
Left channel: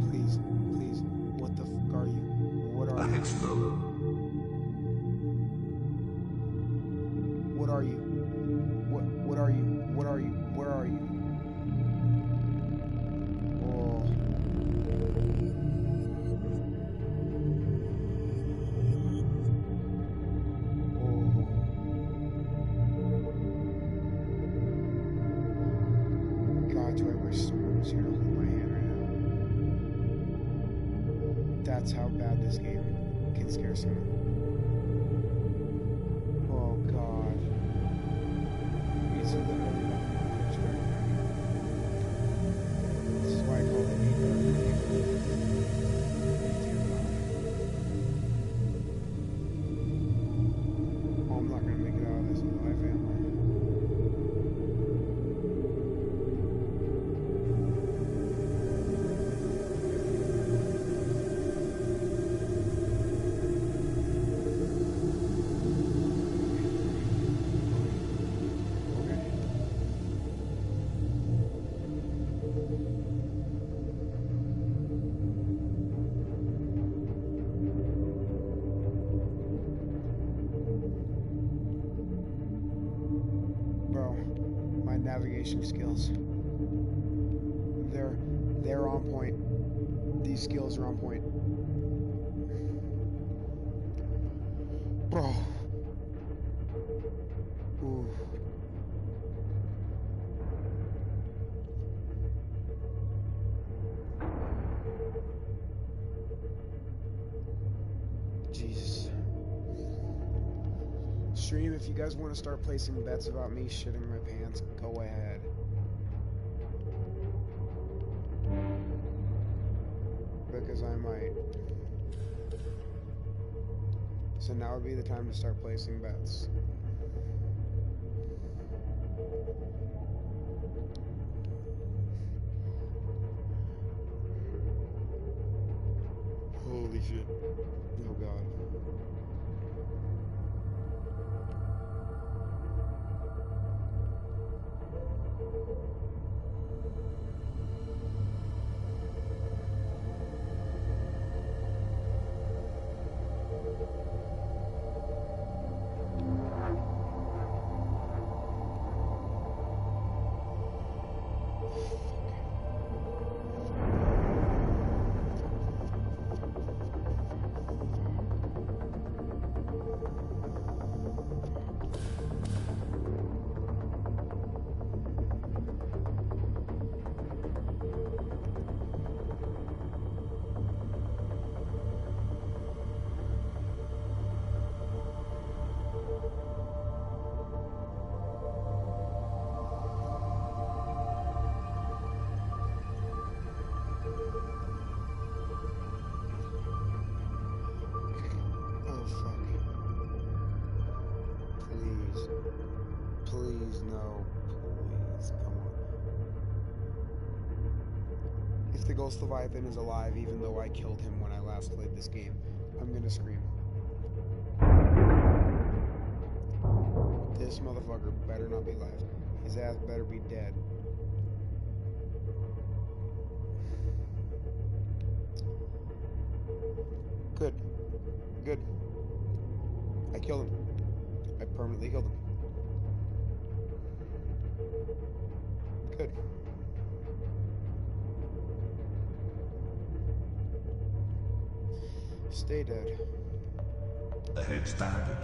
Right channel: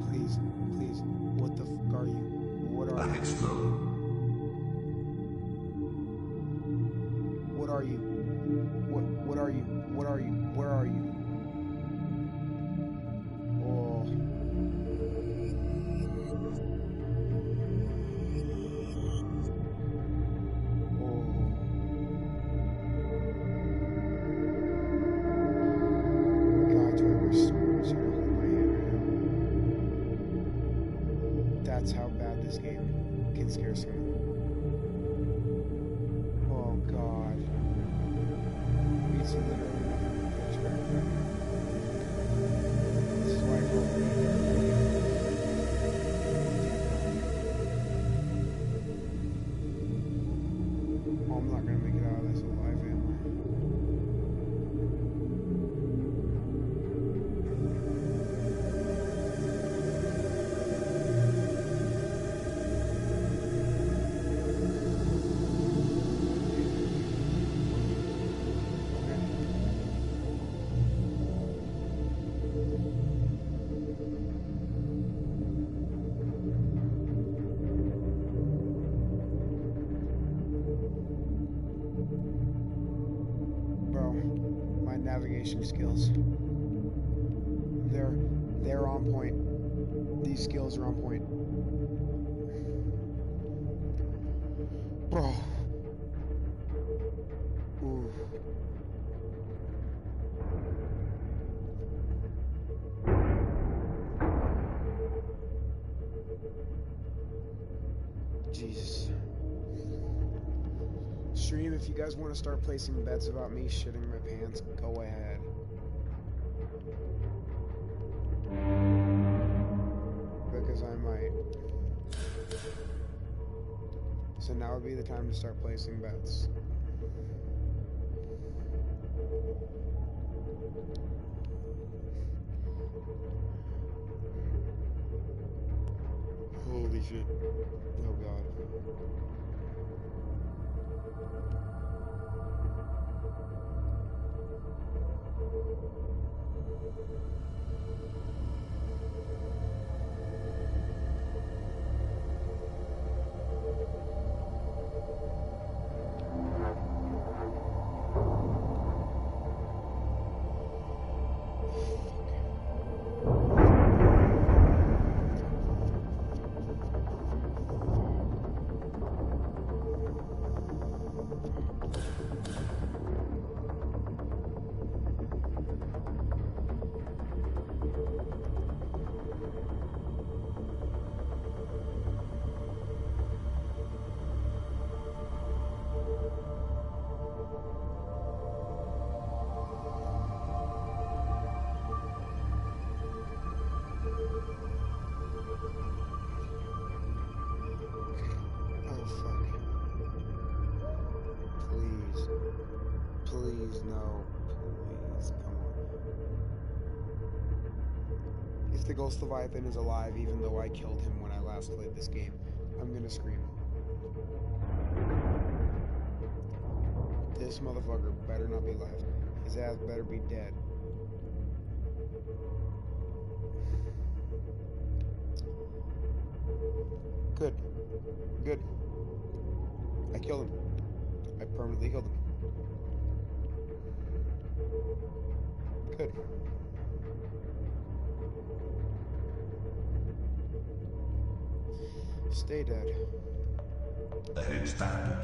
Please, please. What the fuck are you? What are you? Ahead slow. What are you? What are you? What are you? Where are you? Oh. Oh. God, do I wish someone was here to hold my hand right now. That's how bad this game can scare someone. Oh God. It's literally nothing but pitch dark down here. This is why I call it deep dark down here. Damn dark. Oh, I'm not gonna make it out of this alive, am I? Navigation skills. They're on point. These skills are on point. Bro. Ooh. Jesus. Stream, if you guys want to start placing bets about me shitting my pants, go ahead. Because I might. So now would be the time to start placing bets. Holy shit. Oh god. Oh fuck. Please. Please, no. Please, come on. If the Ghost Leviathan is alive, even though I killed him when I last played this game, I'm gonna scream. This motherfucker better not be alive. His ass better be dead. Good. Good. I killed him. I permanently killed him. Good. Stay dead. Ahead standard.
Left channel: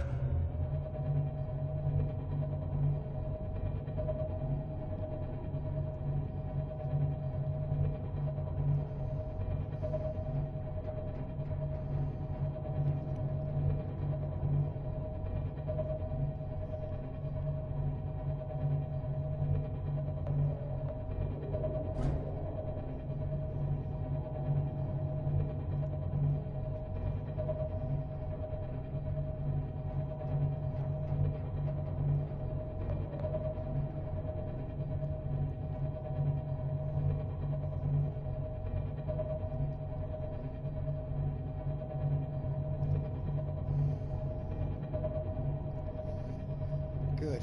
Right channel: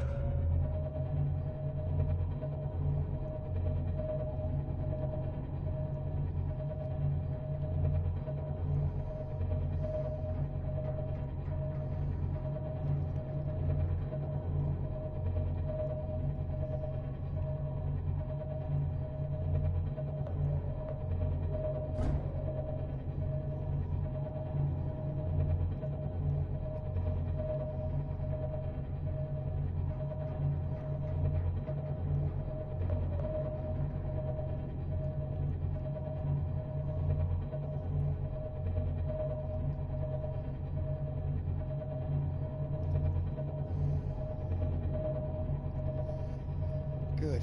Good.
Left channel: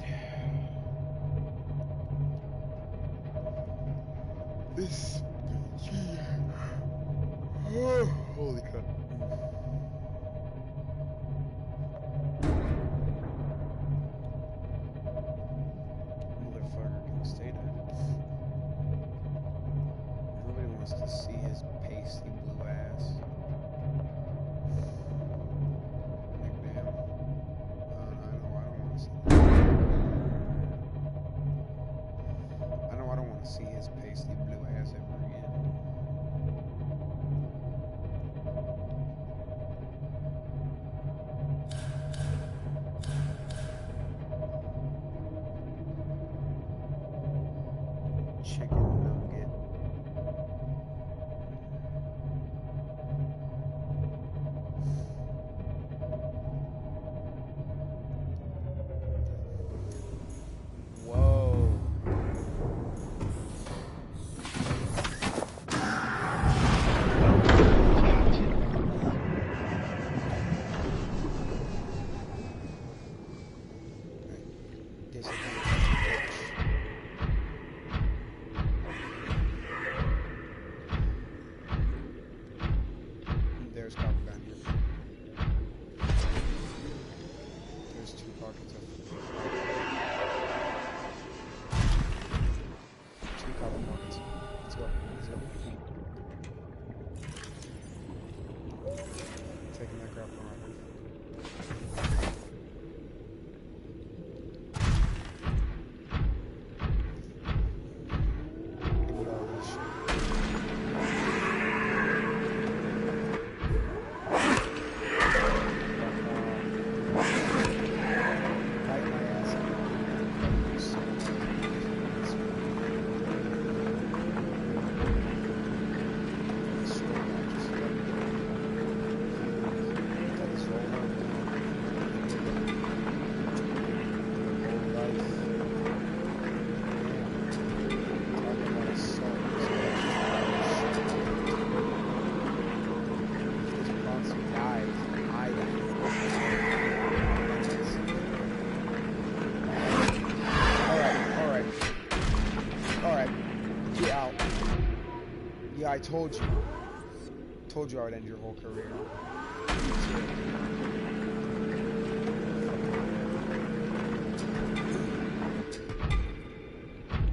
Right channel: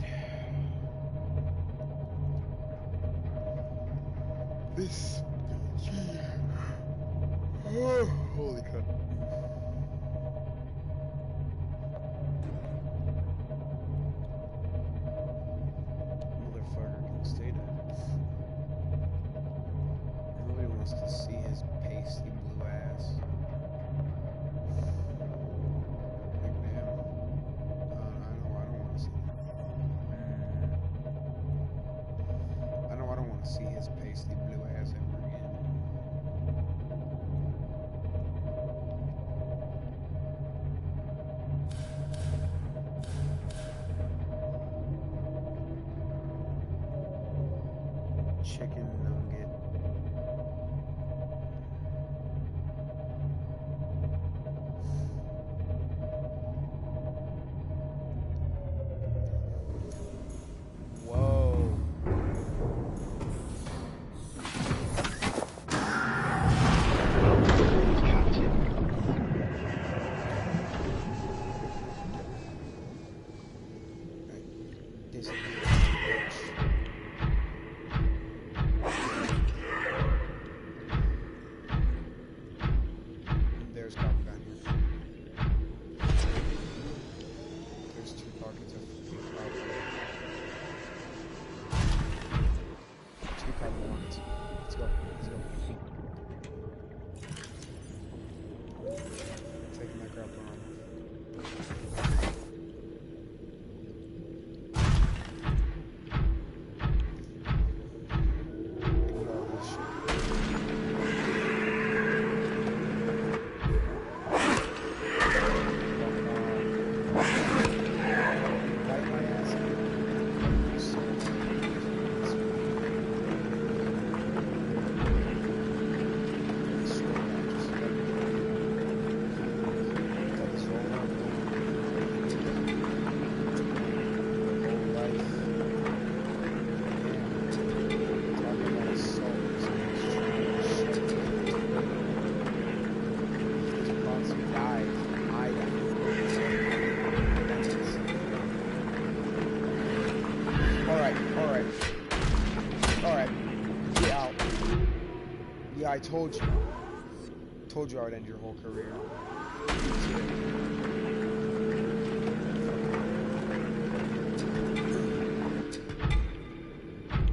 This. Oh, holy crap. Motherfucker can stay dead. Nobody wants to see his pasty blue ass. Like, damn. I know I don't want to see that. I know I don't want to see his pasty blue ass ever again. Chicken nugget. Whoa. Hey, disappear, bitch. There's copper down here. There's 2 pockets of copper. 2 copper pockets. Let's go. Let's go. Taking that crap around here. Look at all this shit. Bite my ass. I told you. Told you I would end your whole career.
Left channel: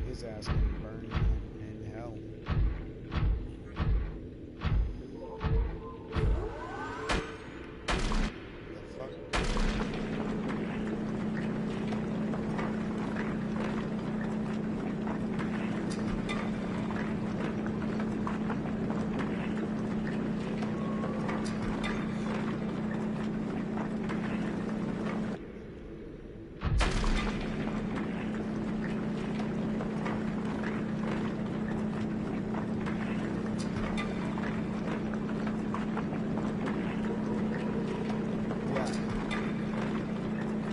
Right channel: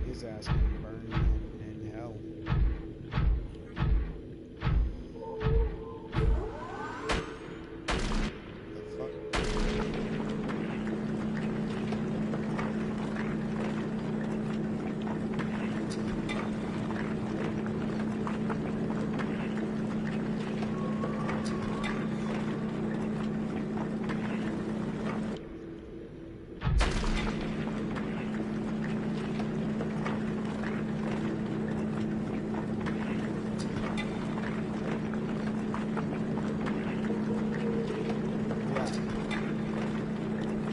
His ass can burn in hell.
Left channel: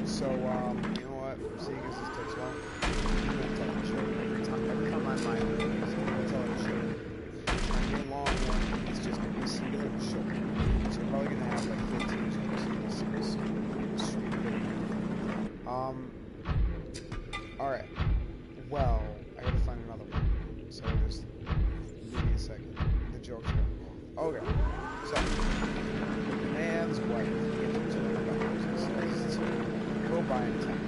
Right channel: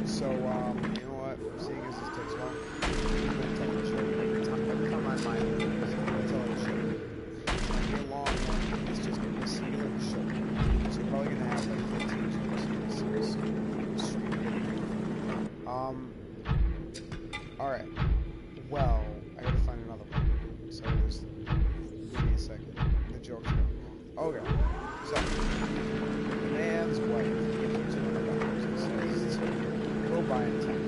So, you know what? Seeing as this takes long, I'm gonna tell the show every time I'm live, I'm gonna tell the show. It might be a long one, it's just gonna be a singular show. So you're probably gonna have like 15 shows in this stream. Alright. Well, I gotta find another one. So just give me a second. The joke's going. Okay. So, the man's wife gives him $200 and says, go buy an attack.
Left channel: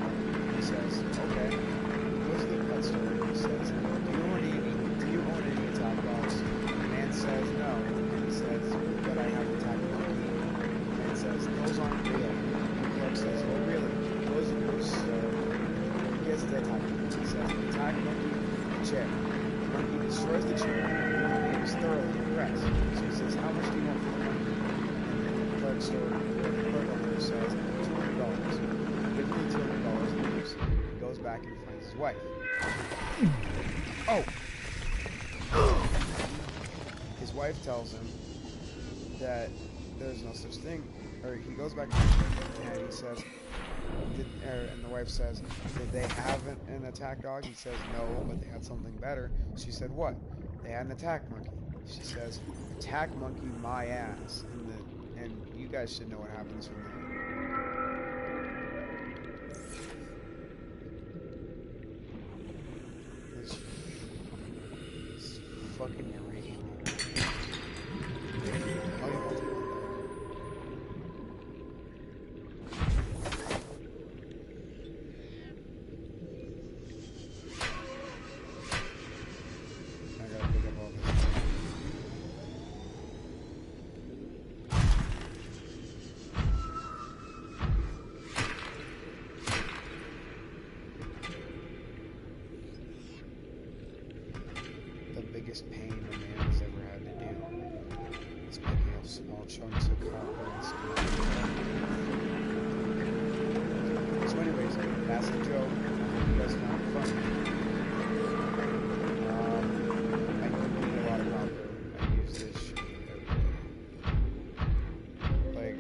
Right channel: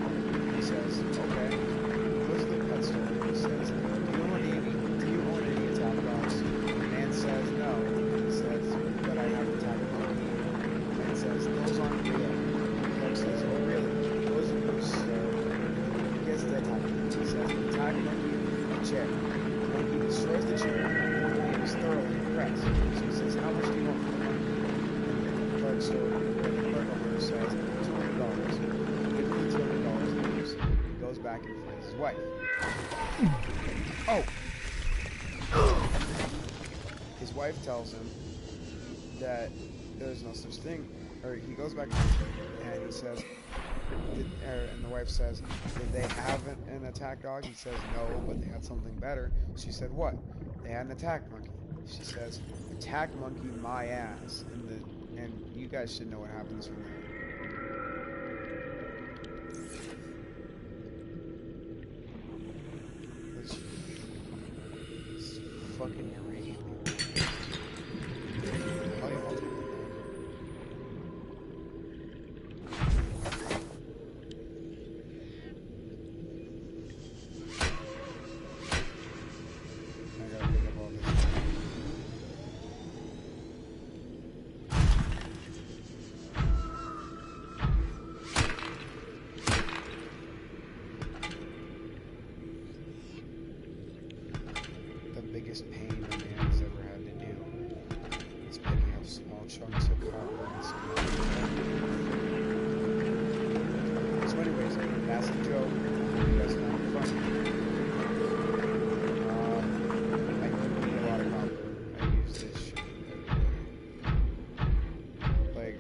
He says, okay. He goes to the pet store and he says, do you own any attack dogs? The man says, no. And he says, but I have attack monkey. The man says, those aren't real. The clerk says, oh really? He goes and goes, he gets the attack monkey. He says, attack monkey, chair. The monkey destroys the chair. The man is thoroughly impressed. So he says, how much do you want for the monkey? And the clerk store, the clerk owner says, $200. Give me $200 He goes back and finds his wife. Oh! His wife tells him that there's no such thing. Or he goes back and he says, and the wife says, did they have an attack dog? He says, no, but they had something better. She said, what? They had an attack monkey. She says, attack monkey my ass. And you guys should know what happens from there. It's fucking irritating. Oh, yeah, I'll take that. I gotta pick up all this. The biggest pain a man has ever had to do is picking up small chunks of copper and cement. So anyways, that's the joke. I hope you guys found it funny. I do need a lot of copper. I use this shit every day. Like,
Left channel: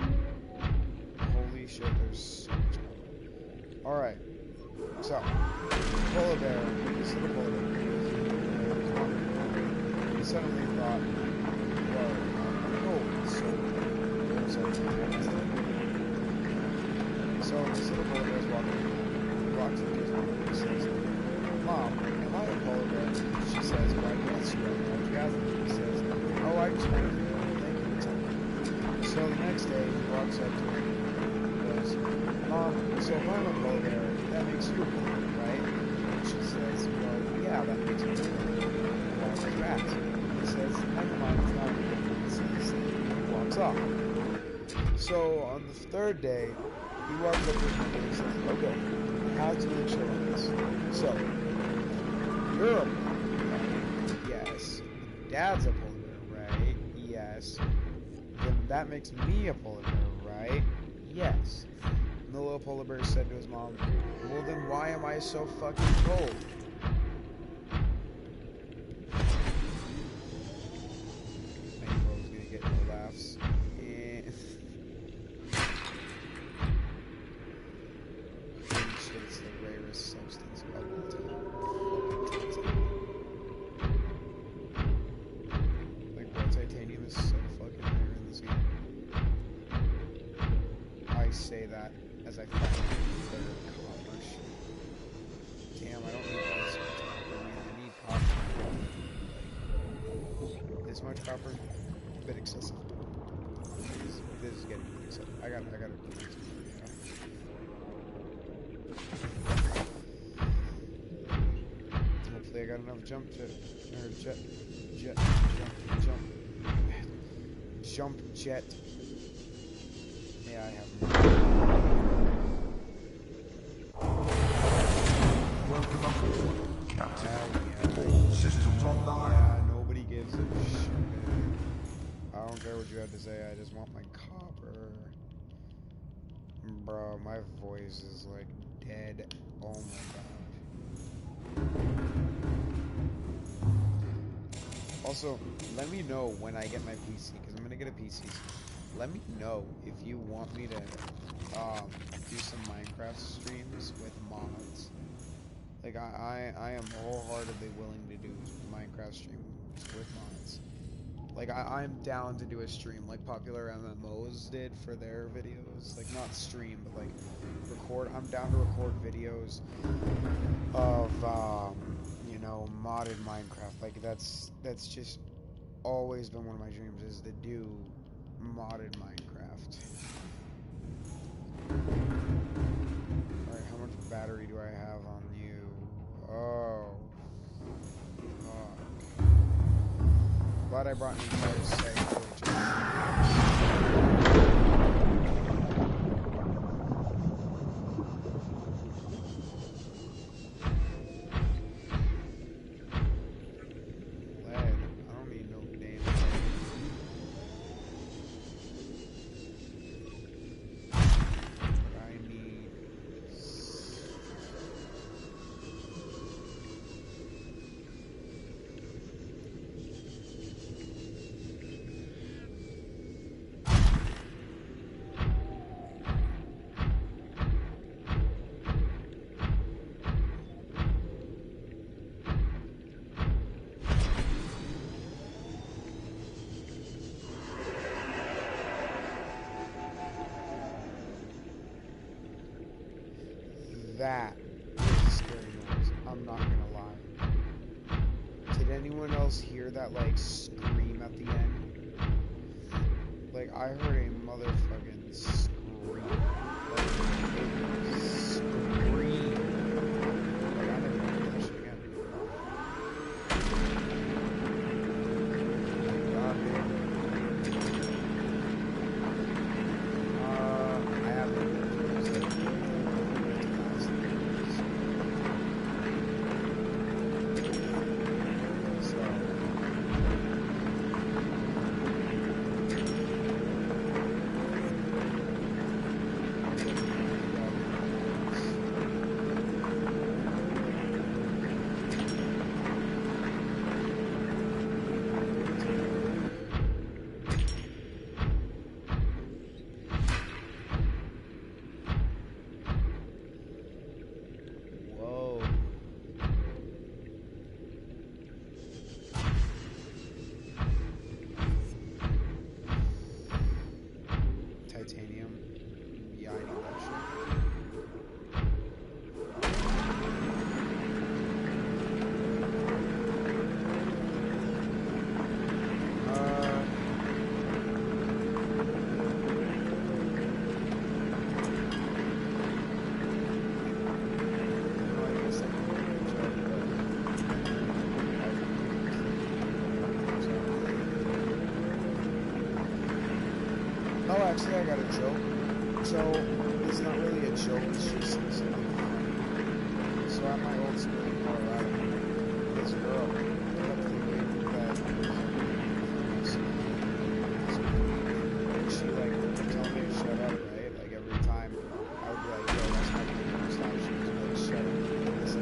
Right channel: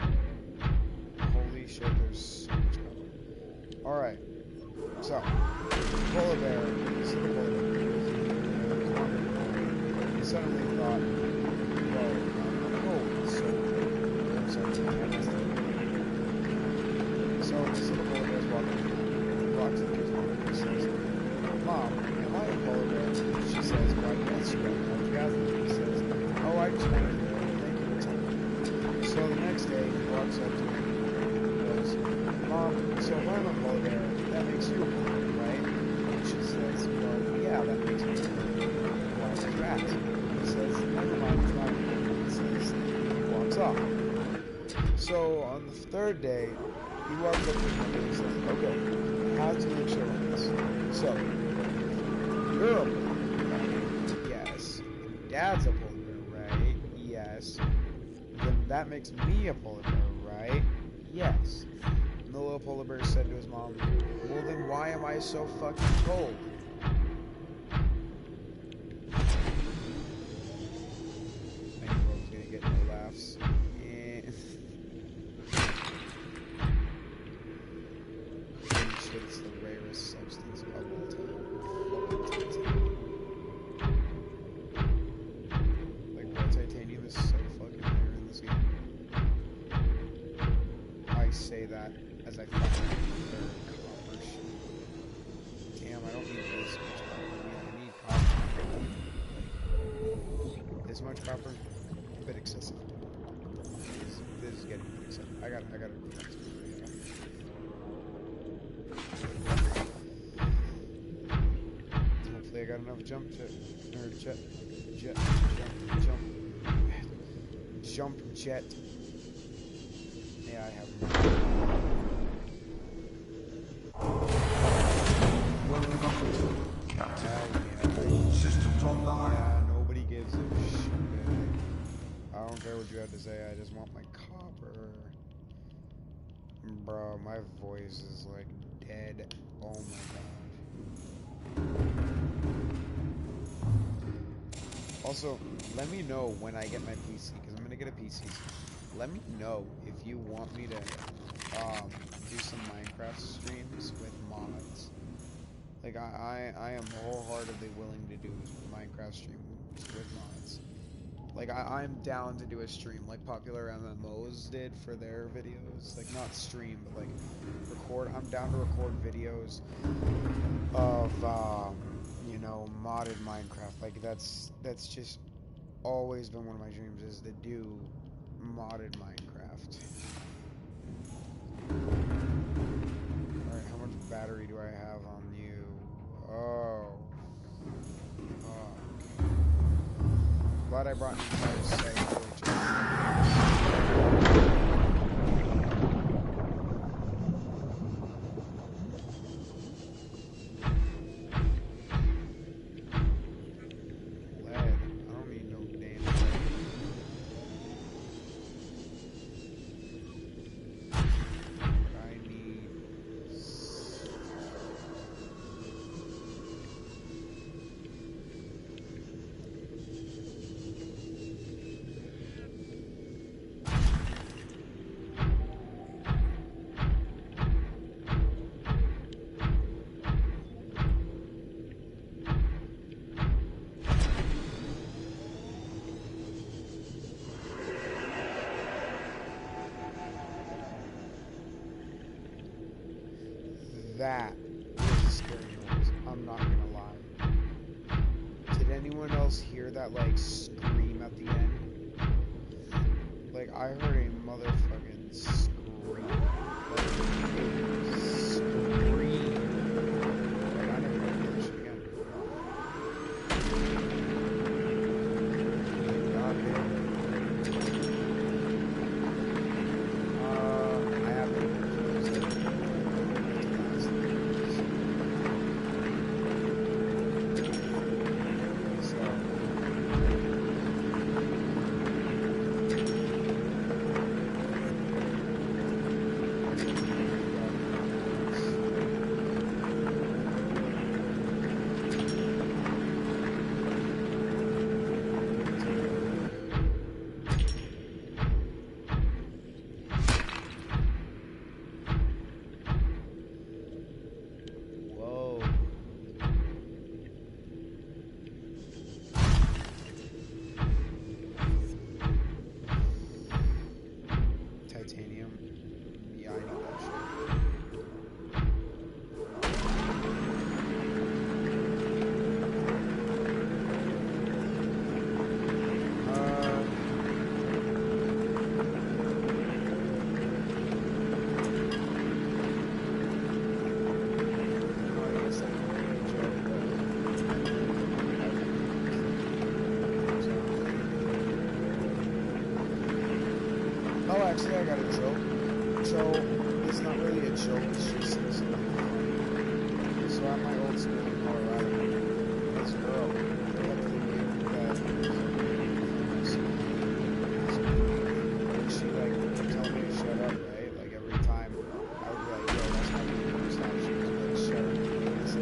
holy shit, there's so much copper. Alright, so, polar bear, this little polar bear, he suddenly thought, whoa, I'm cold, so this little polar bear is walking. He walks up to his mom and he says, Mom, am I a polar bear? She says, why yes, you have an orgasm. He says, oh, I just wanted to thank you for telling me. So the next day, he walks up to her and he goes, Mom, so if I'm a polar bear, that makes you a polar bear, right? And she says, well, yeah, that makes me a polar bear. Why is that? He says, never mind, it's not important. He says, he walks off. So on the third day, he walks up to his mother and says, okay, I have to make sure on this. So, you're a polar bear, right? Yes. And Dad's a polar bear, right? Yes. Then that makes me a polar bear, right? Yes. And the little polar bear said to his mom, well then why am I so fucking cold? I knew I was gonna get no laughs. Holy shit, it's the rarest substance of all time. Fucking titanium. Like, bro, titanium is so fucking rare in this game. I say that as I find their copper shit. Damn, I don't need this much copper. I mean, I need copper. this much copper, a bit excessive. This is getting a bit excessive. I gotta go back to the hopefully I got enough jump jet, or jump jet. Yeah, I have more. Welcome aboard, Captain. Yeah. All systems online. Yeah, nobody gives a shit. I don't care what you have to say, I just want my copper. Bro, my voice is like dead. Oh my god. Also, let me know when I get my PC, because I'm gonna get a PC soon. Let me know if you want me to do some Minecraft streams with mods. Like I am wholeheartedly willing to do Minecraft streams with mods. Like I'm down to do a stream like popular MMOs did for their videos. Like not stream, but like record. I'm down to record videos of you know, modded Minecraft. Like that's just always been one of my dreams, is to do modded Minecraft. Alright, how much battery do I have on you? Oh. Fuck. Glad I brought an entire set. That was a scary noise. I'm not gonna lie. Did anyone else hear that, like, scream at the end? Like, I heard a motherfucking scream. Like, a scream. Like, I never heard that shit again. Like, goddamn. I have been. Titanium. Yeah, I need that shit. Oh, actually, I got a joke. So, it's not really a joke, it's just something funny. So, at my old school in Colorado, this girl kept thinking that and she, like, would tell me to shut up, right? Like, every time I would be like, yo, that's not gonna stop. She was like, shut up.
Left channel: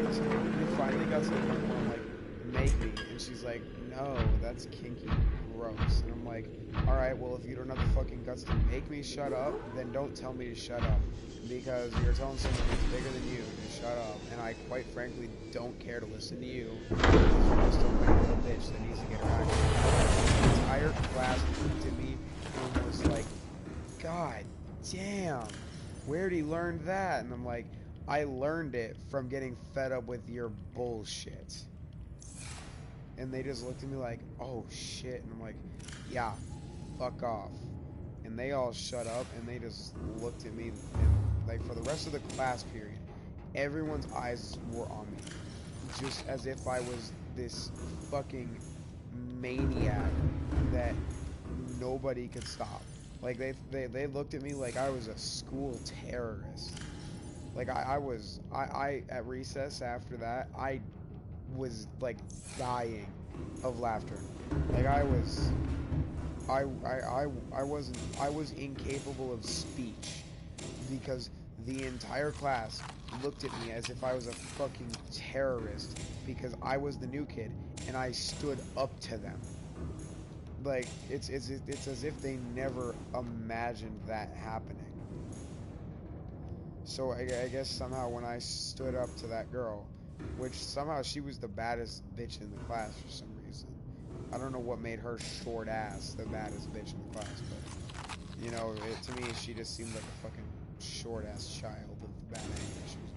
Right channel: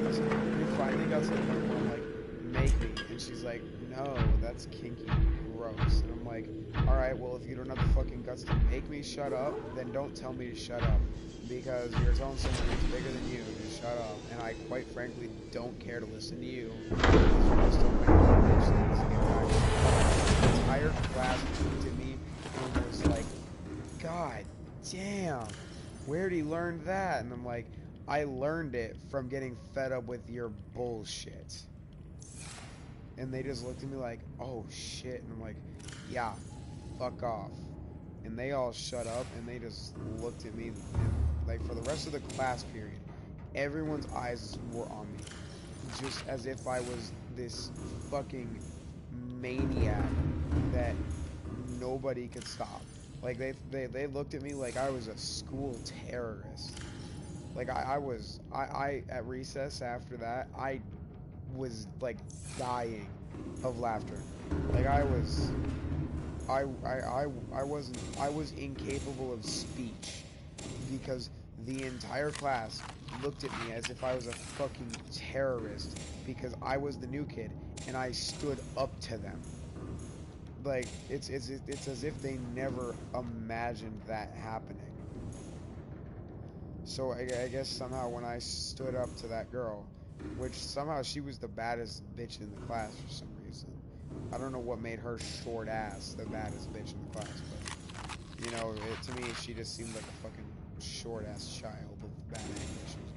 Listen. And it finally got to the point where I'm like, make me. And she's like, no, that's kinky. Gross. And I'm like, alright, well, if you don't have the fucking guts to make me shut up, then don't tell me to shut up. Because you're telling someone who's bigger than you to shut up, and I quite frankly don't care to listen to you. Because you're just a white bitch that needs to get back. The entire class looked at me and was like, God damn, where'd he learn that? And I'm like, I learned it from getting fed up with your bullshit. And they just looked at me like, oh shit. And I'm like, yeah, fuck off. And they all shut up and they just looked at me, and like for the rest of the class period, everyone's eyes were on me. Just as if I was this fucking maniac that nobody could stop. Like they looked at me like I was a school terrorist. Like I at recess after that, I was like dying of laughter. Like I was incapable of speech because the entire class looked at me as if I was a fucking terrorist because I was the new kid and I stood up to them. Like it's as if they never imagined that happening. So I guess somehow when I stood up to that girl, which somehow she was the baddest bitch in the class for some reason. I don't know what made her short ass the baddest bitch in the class, but you know, to me she just seemed like a fucking short ass child with bad anger issues.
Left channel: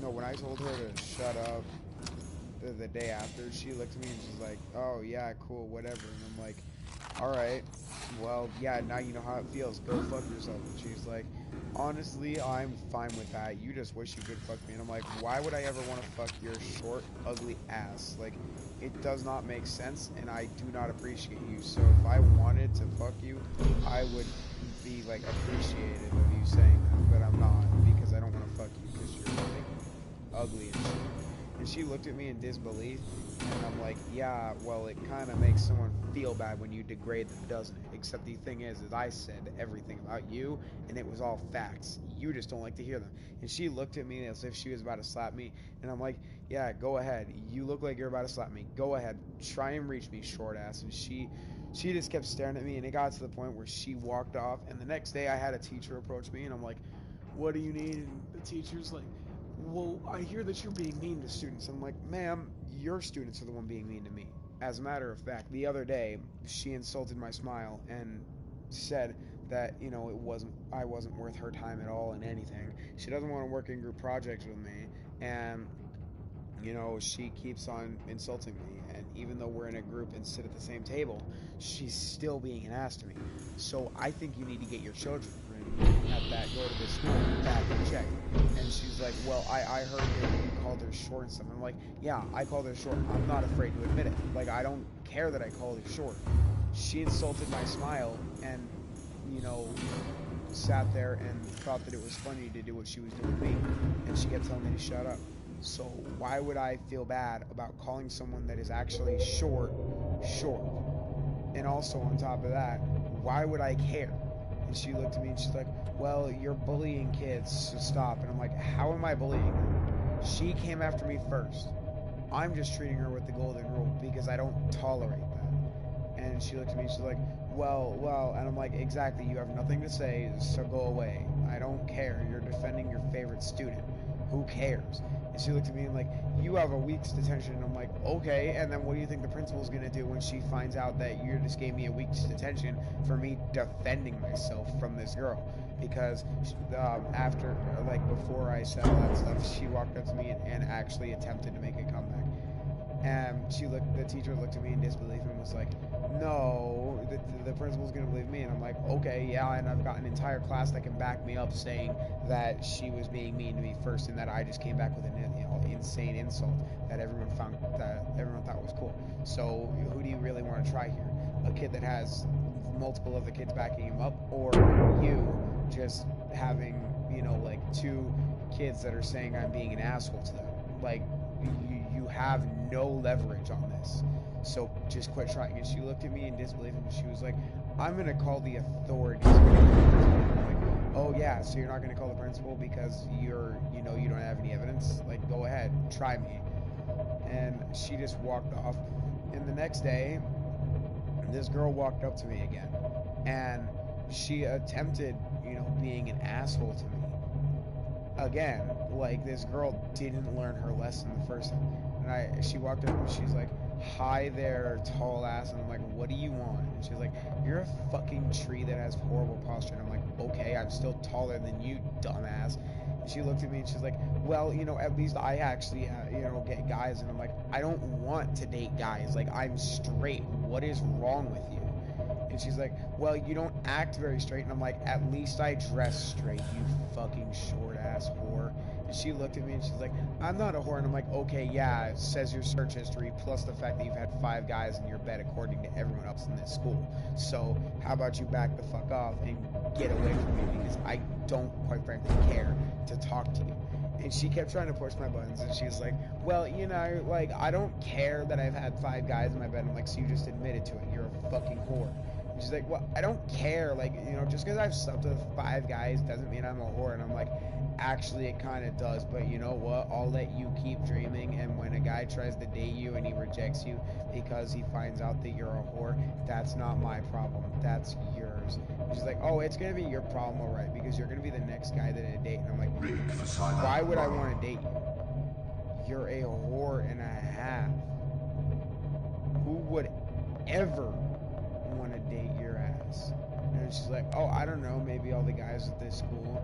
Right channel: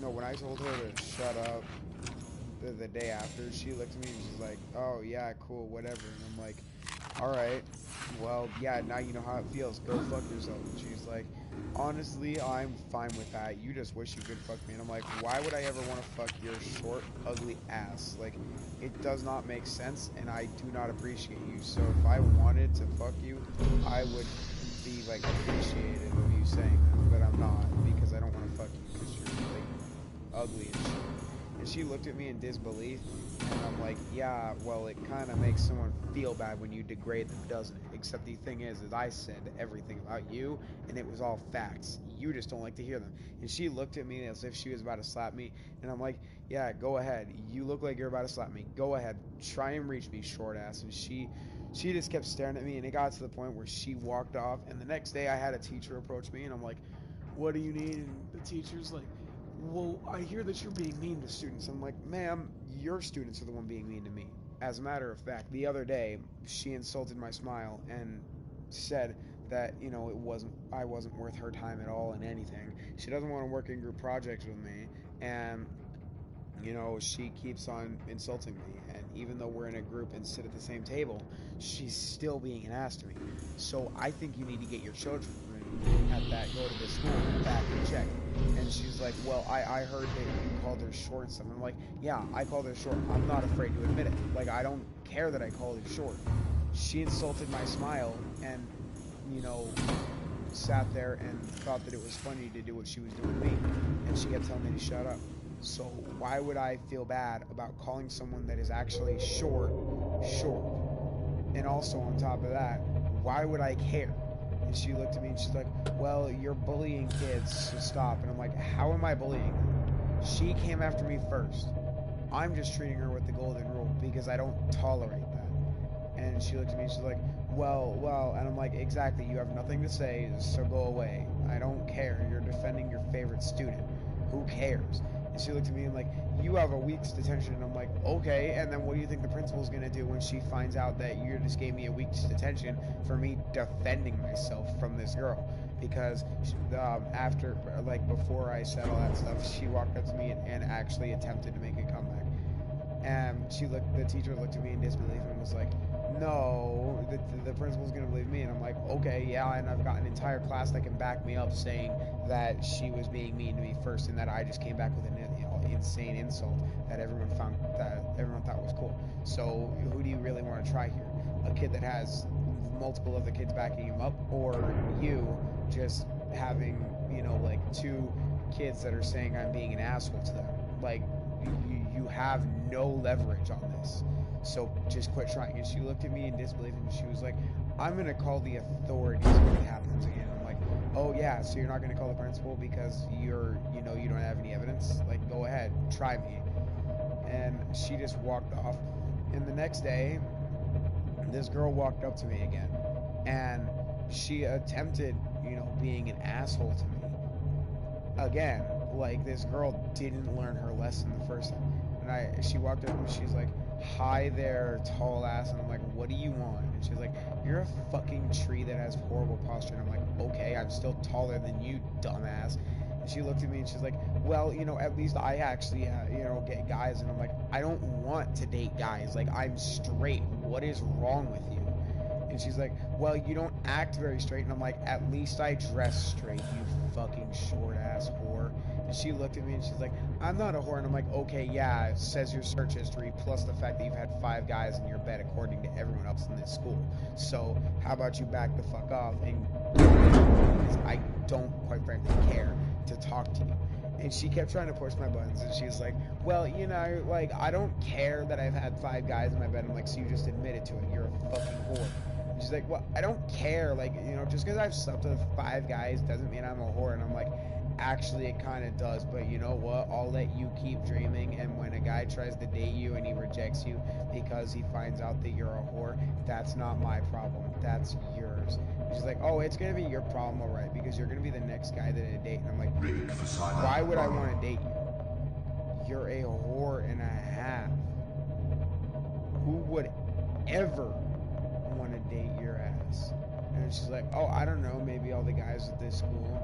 No, when I told her to shut up the day after, she looked at me and she's like, oh yeah, cool, whatever. And I'm like, alright, well, yeah, now you know how it feels, go fuck yourself. And she's like, honestly, I'm fine with that. You just wish you could fuck me. And I'm like, why would I ever want to fuck your short, ugly ass? Like, it does not make sense, and I do not appreciate you. So if I wanted to fuck you, I would be, like, appreciative of you saying that. But I'm not, because I don't want to fuck you, because you're, like, ugly and shit. And she looked at me in disbelief, and I'm like, yeah, well, it kind of makes someone feel bad when you degrade them, doesn't it? Except the thing is I said everything about you, and it was all facts. You just don't like to hear them. And she looked at me as if she was about to slap me, and I'm like, yeah, go ahead. You look like you're about to slap me. Go ahead. Try and reach me, short ass. And she just kept staring at me, and it got to the point where she walked off, and the next day I had a teacher approach me, and I'm like, what do you need? And the teacher's like, well, I hear that you're being mean to students. I'm like, ma'am, your students are the one being mean to me. As a matter of fact, the other day, she insulted my smile and said that, you know, I wasn't worth her time at all in anything. She doesn't want to work in group projects with me, and you know, she keeps on insulting me, and even though we're in a group and sit at the same table, she's still being an ass to me. So I think you need to get your children at that, go to this school, back and check. And she's like, well, I heard that you called her short and stuff. I'm like, yeah, I called her short. I'm not afraid to admit it. Like, I don't care that I called her short. She insulted my smile and, you know, sat there and thought that it was funny to do what she was doing to me. And she kept telling me to shut up. So why would I feel bad about calling someone that is actually short? And also on top of that, why would I care? And she looked at me and she's like, well, you're bullying kids, so stop. And I'm like, how am I bullying her? She came after me first. I'm just treating her with the golden rule because I don't tolerate that. And she looked at me and she's like, well, and I'm like, exactly, you have nothing to say, so go away. I don't care. You're defending your favorite student. Who cares? And she looked at me and like, you have a week's detention. And I'm like, okay. And then what do you think the principal's going to do when she finds out that you just gave me a week's detention for me defending myself from this girl? Because after, like, before I said all that stuff, she walked up to me and actually attempted to make a comeback. And the teacher looked at me in disbelief and was like, no, the principal's gonna believe me. And I'm like, okay, yeah, and I've got an entire class that can back me up saying that she was being mean to me first and that I just came back with an insane insult that everyone thought was cool. So who do you really want to try here? A kid that has multiple other kids backing him up, or you just having, you know, like 2 kids that are saying I'm being an asshole to them? Like, you have no leverage on this, so just quit trying. And she looked at me in disbelief and she was like, I'm gonna call the authorities. I'm like, oh yeah, so you're not gonna call the principal because you don't have any evidence? Like, go ahead, try me. And she just walked off. And the next day, this girl walked up to me again, and she attempted, you know, being an asshole to me again. Like, this girl didn't learn her lesson the first time. And she walked up and she's like, hi there, tall ass. And I'm like, what do you want? And she's like, you're a fucking tree that has horrible posture. And I'm like, okay, I'm still taller than you, dumbass. And she looked at me and she's like, well, you know, at least I actually, you know, get guys. And I'm like, I don't want to date guys. Like, I'm straight. What is wrong with you? And she's like, well, you don't act very straight. And I'm like, at least I dress straight, you fucking short ass whore. And she looked at me and she's like, I'm not a whore. And I'm like, okay, yeah, it says your search history plus the fact that you've had 5 guys in your bed according to everyone else in this school. So how about you back the fuck off and get away from me, because I don't, quite frankly, care to talk to you. And she kept trying to push my buttons, and she was like, well, you know, like, I don't care that I've had 5 guys in my bed. I'm like, so you just admitted to it, you're a fucking whore. And she's like, well, I don't care, like, you know, just because I've slept with 5 guys doesn't mean I'm a whore. And I'm like, actually, it kind of does, but you know what, I'll let you keep dreaming, and when a guy tries to date you and he rejects you because he finds out that you're a whore, that's not my problem, that's yours. And she's like, oh, it's gonna be your problem, alright, because you're gonna be the next guy that I date. And I'm like, Rig for silent why would I run. want to date you? You're a whore and a half. Who would ever want to date your ass? And she's like, oh, I don't know, maybe all the guys at this school.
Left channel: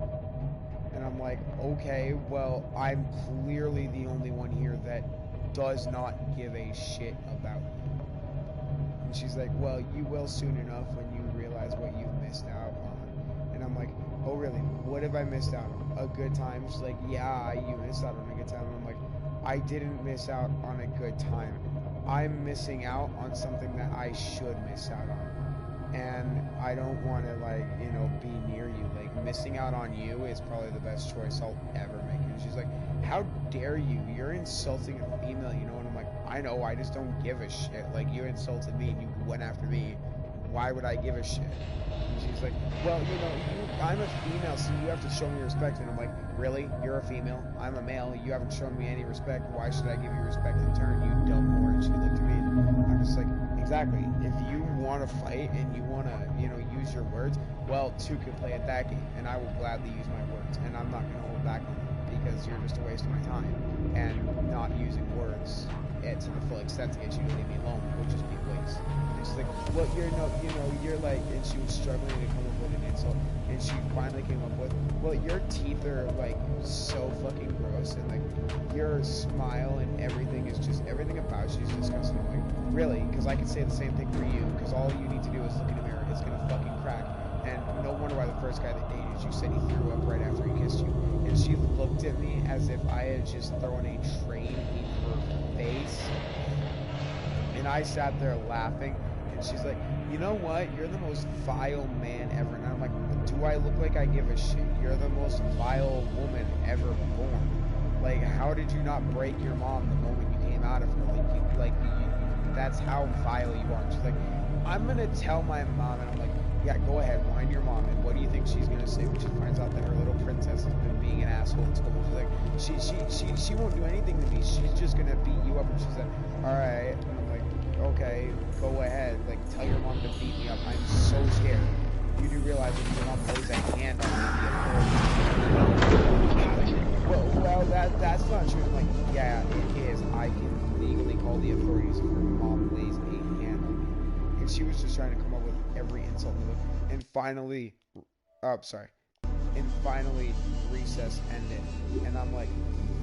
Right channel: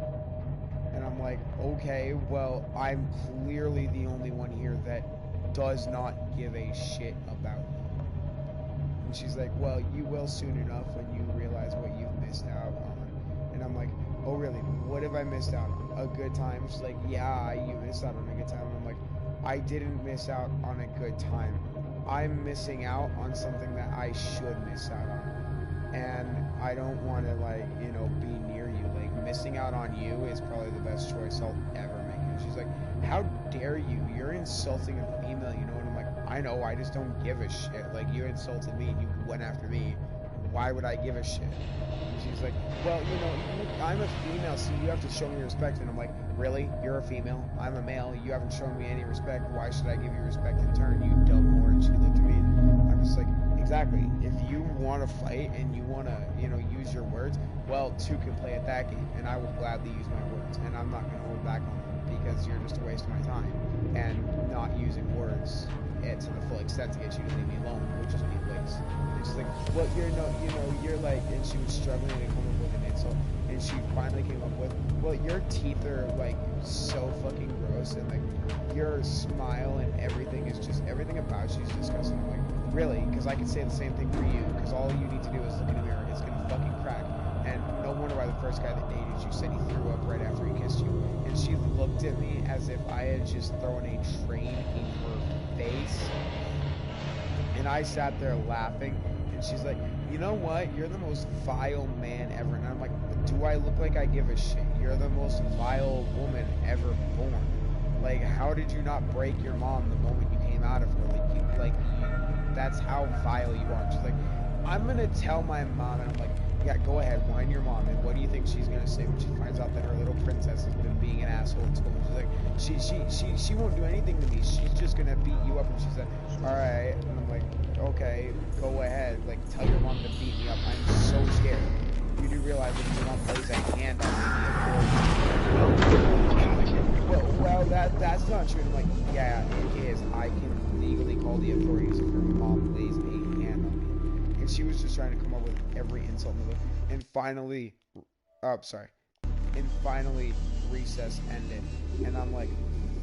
And I'm like, okay, well, I'm clearly the only one here that does not give a shit about you. And she's like, well, you will soon enough when you realize what you've missed out on. And I'm like, oh, really? What have I missed out on? A good time? She's like, yeah, you missed out on a good time. And I'm like, I didn't miss out on a good time. I'm missing out on something that I should miss out on. And I don't want to, like, you know, be near you. Like, missing out on you is probably the best choice I'll ever make. And she's like, how dare you? You're insulting a female, you know? And I'm like, I know, I just don't give a shit. Like, you insulted me and you went after me. Why would I give a shit? And she's like, well, you know, I'm a female, so you have to show me respect. And I'm like, really? You're a female? I'm a male. You haven't shown me any respect. Why should I give you respect in turn, you dumb whore? And she looked at me and I'm just like, exactly. If you want to fight and you want to, you know, use your words, well, 2 can play at that game, and I will gladly use my words, and I'm not going to hold back on them, because you're just a waste of my time, and not using words to the full extent to get you to leave me alone would just be a waste. And she's like, well, you're no, you know, you're like, and she was struggling to come up with an insult, and she finally came up with, well, your teeth are like so fucking gross, and like your smile and everything is just, everything about you is disgusting. I'm like, really? Because I could say the same thing for you, because all you need to do is look in a mirror. It's gonna fucking crack. And no wonder why the first guy that dated you said he threw up right after he kissed you. And she looked at me as if I had just thrown a train in her face. And I sat there laughing, and she's like, you know what? You're the most vile man ever. And I'm like, do I look like I give a shit? You're the most vile woman ever born. Like, how did you not break your mom the moment you came out of her? That's how vile you are. And she's like, I'm gonna tell my mom. And I'm like, yeah, go ahead, whine your mom. And what do you think she's gonna say when she finds out that her little princess has been being an asshole at school? She's like, she won't do anything to me. She's just gonna beat you up. And she said, all right. And I'm like, okay, go ahead. Like, tell your mom to beat me up. I'm so scared. You do realize that if your mom lays a hand on me, like, well, that's not true. I'm like, yeah, it is. I can legally call the authorities if your mom lays a hand on me. And she was just trying to come up with every insult in the book. And finally, recess ended. And I'm like,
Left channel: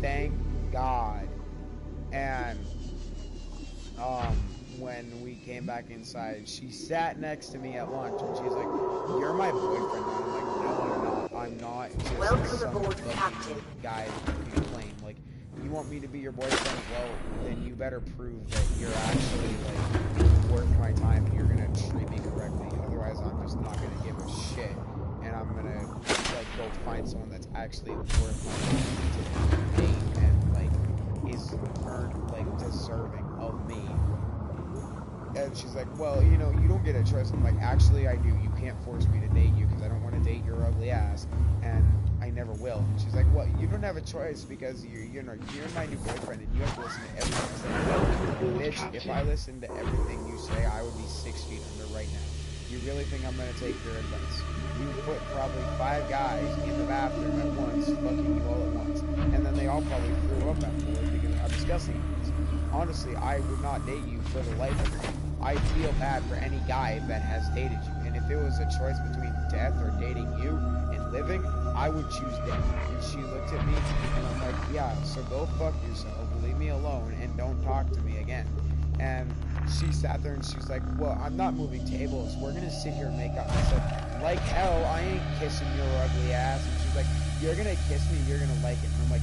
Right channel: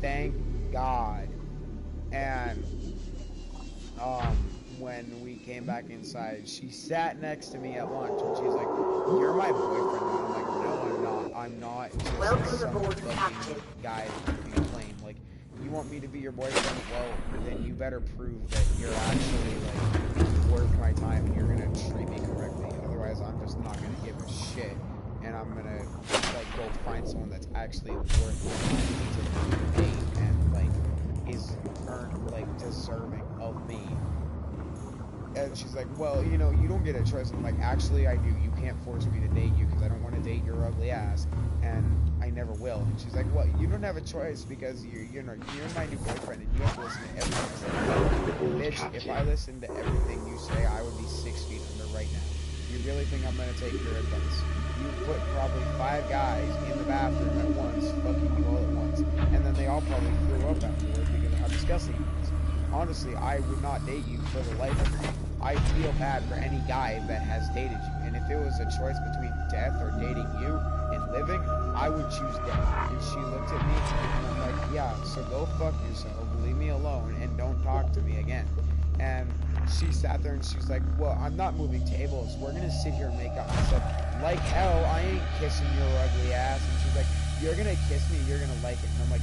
thank God. And when we came back inside, she sat next to me at lunch, and she's like, you're my boyfriend now. And I'm like, no, I'm not. I'm not just Welcome some aboard, fucking Captain. guy that you claim. Like, you want me to be your boyfriend? Well, then you better prove that you're actually, like, worth my time and you're gonna treat me correctly. Otherwise, I'm just not gonna give a shit, and I'm gonna, like, go find someone that's actually worth my time to date and, like, is deserving of me. And she's like, well, you know, you don't get a choice. I'm like, actually, I do. You can't force me to date you, because I don't want to date your ugly ass, and I never will. And she's like, well, you don't have a choice, because you're my new boyfriend, and you have to listen to everything I say. Bitch, if I listened to everything you say, I would be 6 feet under right now. You really think I'm gonna take your advice? You put probably 5 guys in the bathroom at once, fucking you all at once, and then they all probably threw up afterwards because of how disgusting it is. honestly, I would not date you for the life of me. I feel bad for any guy that has dated you. And if it was a choice between death or dating you and living, I would choose death. And she looked at me, and I'm like, yeah, so go fuck yourself, leave me alone, and don't talk to me again. And she sat there and she was like, well, I'm not moving tables. We're going to sit here and make out. And I said, like hell, I ain't kissing your ugly ass. And she's like, you're going to kiss me, you're going to like it. And I'm like,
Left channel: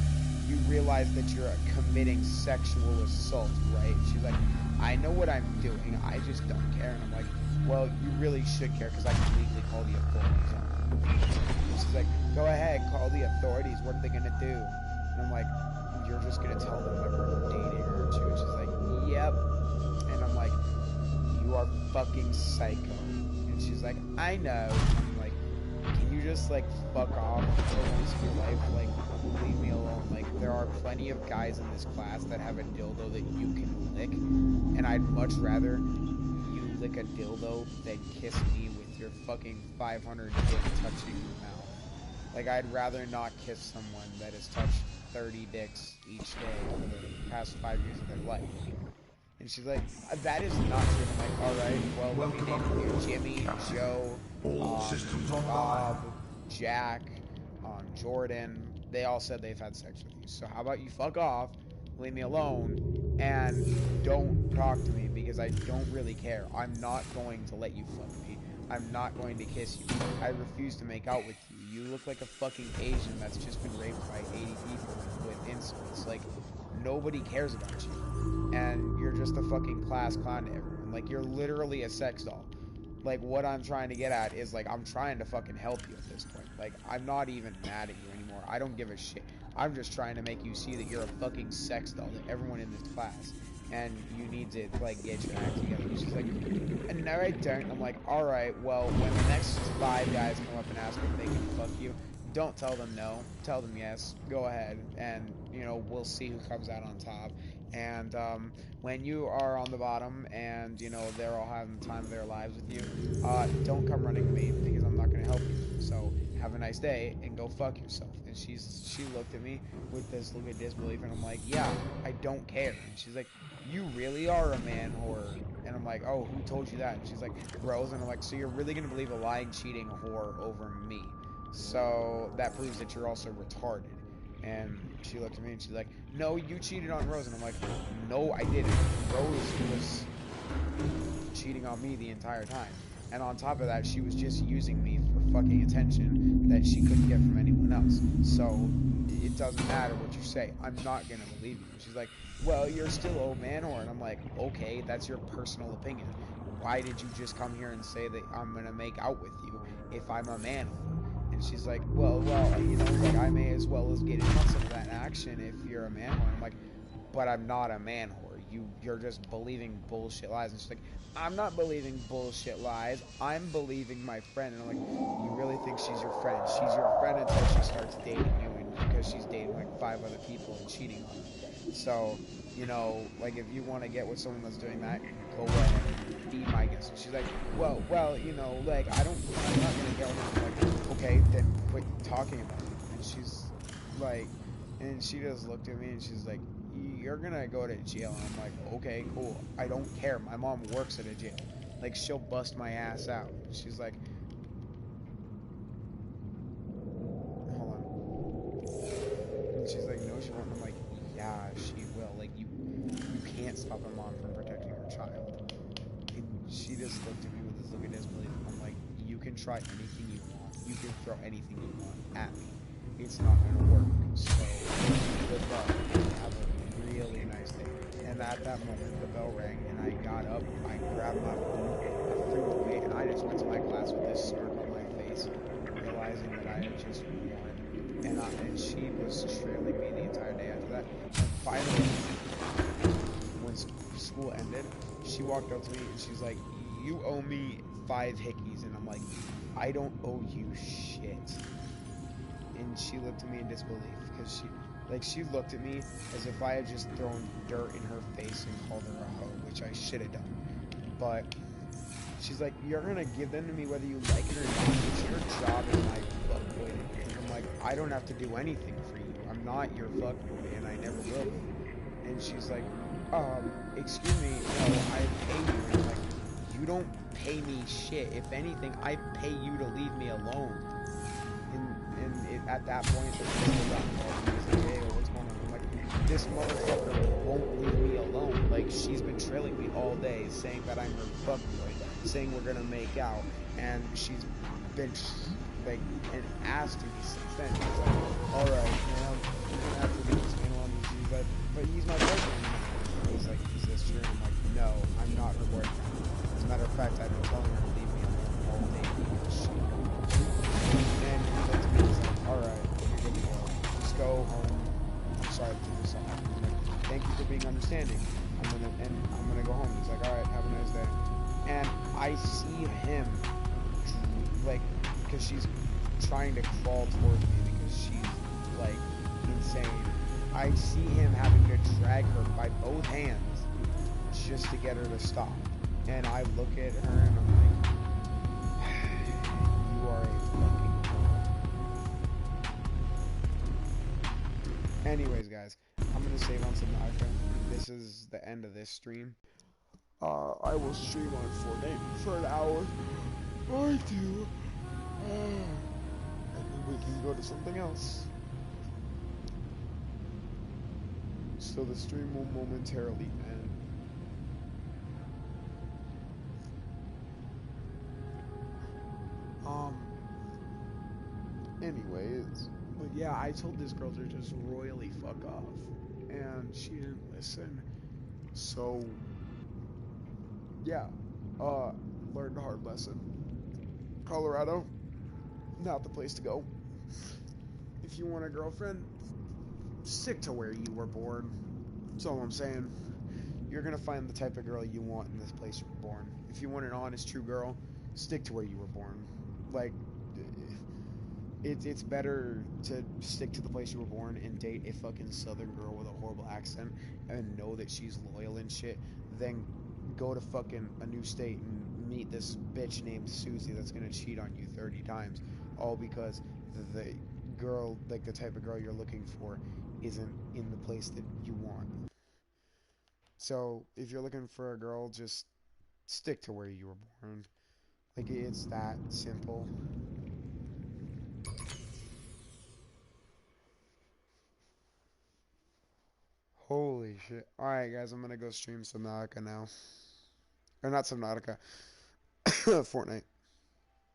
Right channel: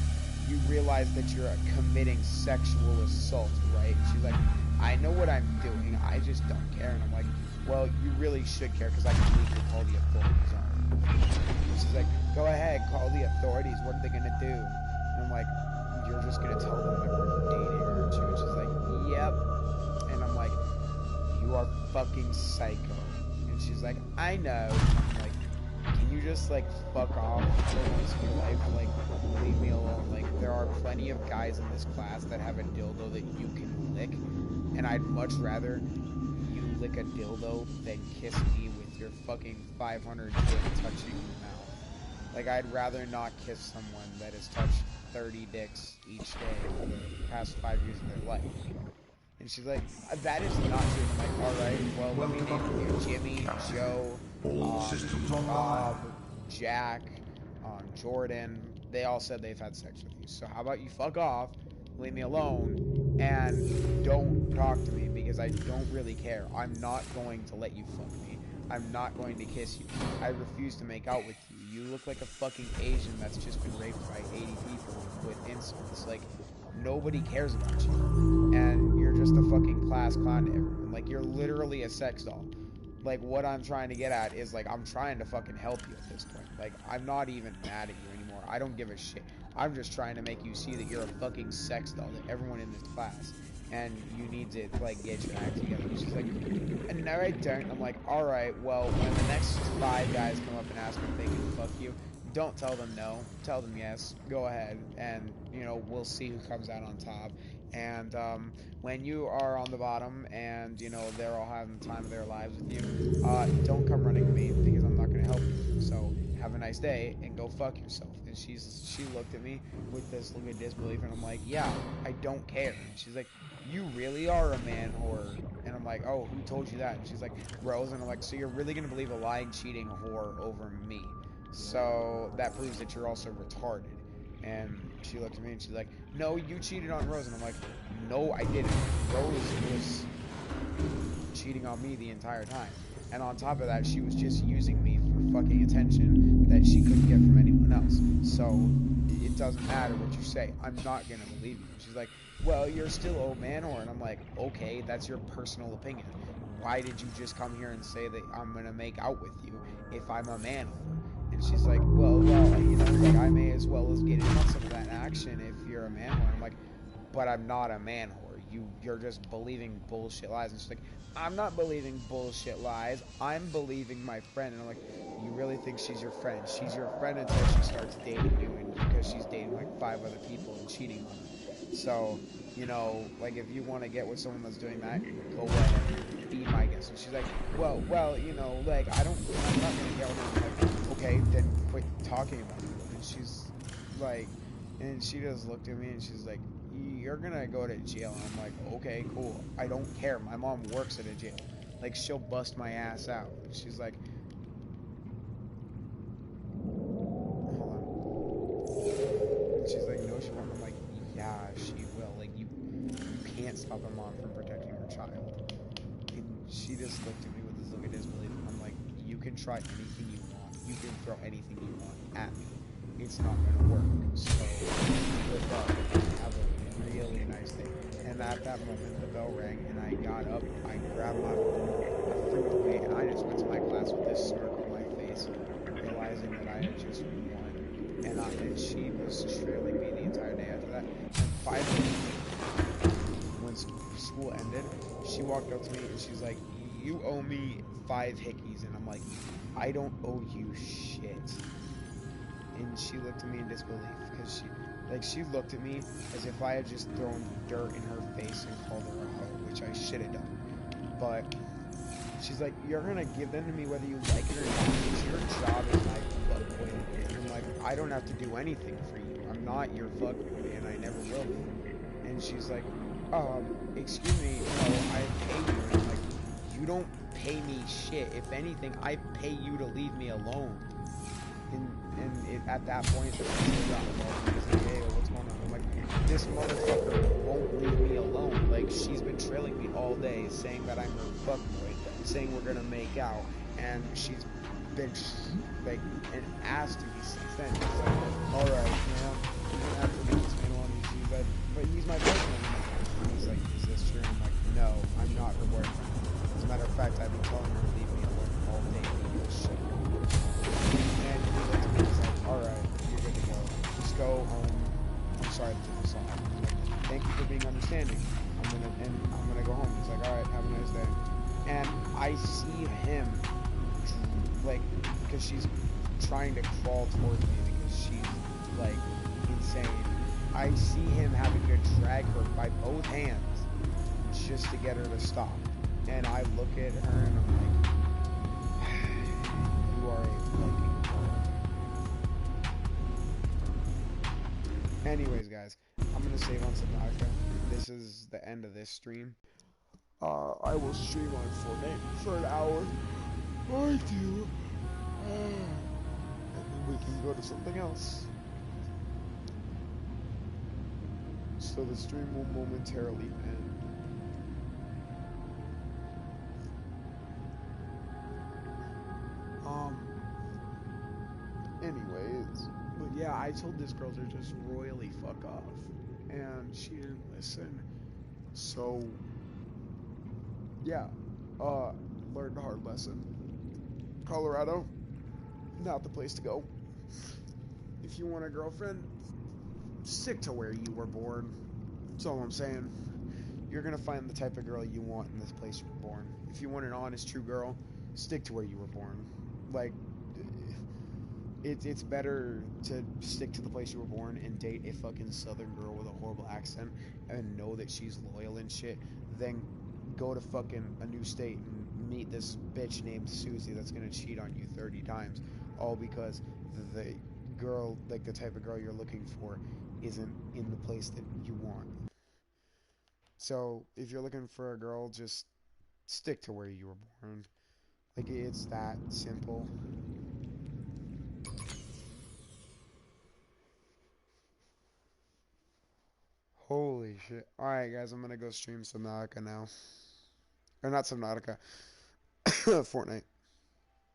you realize that you're committing sexual assault, right? And she's like, I know what I'm doing, I just don't care. And I'm like, well, you really should care, because I can legally call the authorities on you. And she's like, go ahead, call the authorities, what are they going to do? And I'm like, you're just going to tell them that we're dating, aren't you? And she's like, yep. And I'm like, you are fucking psycho. And she's like, I know. I'm like, can you just, like, fuck off for once in your life? Like, leave me alone. Like, there are plenty of guys in this class that have a dildo that you can lick, and I'd much rather you lick a dildo than kiss me with your fucking 500 dick touching your mouth. Like, I'd rather not kiss someone that has touched 30 dicks each day for the past 5 years of their life. And she's like, that is not true. And I'm like, alright, well, let me name you Jimmy, Captain. Joe, All systems online. Bob, Jack, Jordan. They all said they've had sex with you. So how about you fuck off, leave me alone, and don't talk to me, because I don't really care. I'm not going to let you fuck me. I'm not going to kiss you. I refuse to make out with you. You look like a fucking Asian that's just been raped by 80 people with insults. Like, nobody cares about you. And you're just a fucking class clown to everyone. Like, you're literally a sex doll. Like, what I'm trying to get at is, like, I'm trying to fucking help you at this point. Like, I'm not even mad at you anymore. I don't give a shit. I'm just trying to make you see that you're a fucking sex doll to everyone in this class. And you need to, like, get your act together. And she's like, no, I don't. I'm like, alright, well, when the next 5 guys come up and ask if they can fuck you, don't tell them no. Tell them yes. Go ahead. And, you know, we'll see who comes out on top. And when you are on the bottom and, you know, they're all having the time of their lives with you, don't come running to me, because I'm not going to help you. So have a nice day and go fuck yourself. And she looked at me with this look of disbelief, and I'm like, yeah, I don't care. And she's like, you really are a man whore. And I'm like, oh, who told you that? And she's like, Rose. And I'm like, so you're really going to believe a lying, cheating whore over me? So that proves that you're also retarded. And she looked at me and she's like, no, you cheated on Rose. And I'm like, no, I didn't. Rose was cheating on me the entire time. And on top of that, she was just using me for fucking attention that she couldn't get from anyone else. So it doesn't matter what you say. I'm not going to believe you. And she's like, well, you're still a man whore. And I'm like, okay, that's your personal opinion. Why did you just come here and say that I'm going to make out with you if I'm a man whore? And she's like, well, you know, like, I may as well as get in on some of that action if you're a man whore. I'm like, but I'm not a man whore. You're just believing bullshit lies. And she's like, I'm not believing bullshit lies. I'm believing my friend. And I'm like, you really think she's your friend? She's your friend until she starts dating you, and because she's dating like 5 other people and cheating on them. So, you know, like, if you want to get with someone that's doing that, go ahead. Be my guest. And she's like, well, you know, like, I'm not gonna get with her. I'm like, okay, then quit talking about it. And she's like, and she just looked at me and she's like, you're gonna go to jail. And I'm like, okay, cool. I don't care. My mom works at a jail. Like, she'll bust my ass out. And she's like, hold on. And she's like, no, she won't. And I'm like, yeah, she will. Like, you can't stop a mom from protecting her child. And she just looked at me with this look of disbelief. I'm like, you can try anything you want. You can throw anything you want at me. It's not gonna work. So, good luck. Have a really nice day. And at that moment, the bell rang, and I got up, I grabbed my phone, I threw it away, and I just went to my class with this smirk on my face, realizing that I had just won. And she was trailing me the entire day after that. And finally, when school ended, she walked up to me and she's like, you owe me 5 hickeys. And I'm like, I don't owe you shit. And she looked at me in disbelief, because she looked at me as if I had just thrown dirt in her face and called her a hoe, which I should have done. But she's like, you're gonna give them to me whether you like it or not. It's your job as my fuckboy to do. And I'm like, I don't have to do anything for you. I'm not your fuckboy, and I never will be. And she's like, excuse me, no, I pay you. And I'm like, you don't pay me shit. If anything, I pay you to leave me alone. At that point, the principal got involved and he's like, hey, what's going on? I'm like, this motherfucker won't leave me alone. Like, she's been trailing me all day, saying that I'm her fuckboy, saying we're gonna make out, and she's been, like, an ass to me since then. He's like, alright, man, you're gonna have to leave this man alone. He's like, but he's my boyfriend. And he's like, is this true? I'm like, no, I'm not her boyfriend. As a matter of fact, I've been telling her to leave me alone all day because she and he looked at me and was like, alright, you're good to go. Just go home. I'm sorry to this all happened. I'm like, thank you for being understanding. I'm gonna go home. He's like, alright, have a nice day. And I see him like, because she's trying to crawl towards me because she's like insane. I see him having to drag her by both hands just to get her to stop. And I look at her and I'm like, you are a fucking girl. Anyways, guys, I'm gonna save on Subnautica. This is the end of this stream. I will stream on Fortnite for an hour or two. And then we can go to something else. So the stream will momentarily end. Anyways, but yeah, I told this girl to just royally fuck off, and she didn't listen. So, yeah, learned a hard lesson. Colorado, not the place to go. If you want a girlfriend, stick to where you were born. That's all I'm saying. You're gonna find the type of girl you want in this place you were born. If you want an honest, true girl, stick to where you were born. Like, it's better to stick to the place you were born and date a fucking southern girl with a horrible accent and know that she's loyal and shit than go to fucking a new state and meet this bitch named Susie that's gonna cheat on you 30 times, all because the girl, like the type of girl you're looking for, isn't in the place that you want. So if you're looking for a girl, just stick to where you were born. Like, it's that simple. Holy shit. Alright, guys, I'm gonna go stream Subnautica now. Or not Subnautica. Fortnite.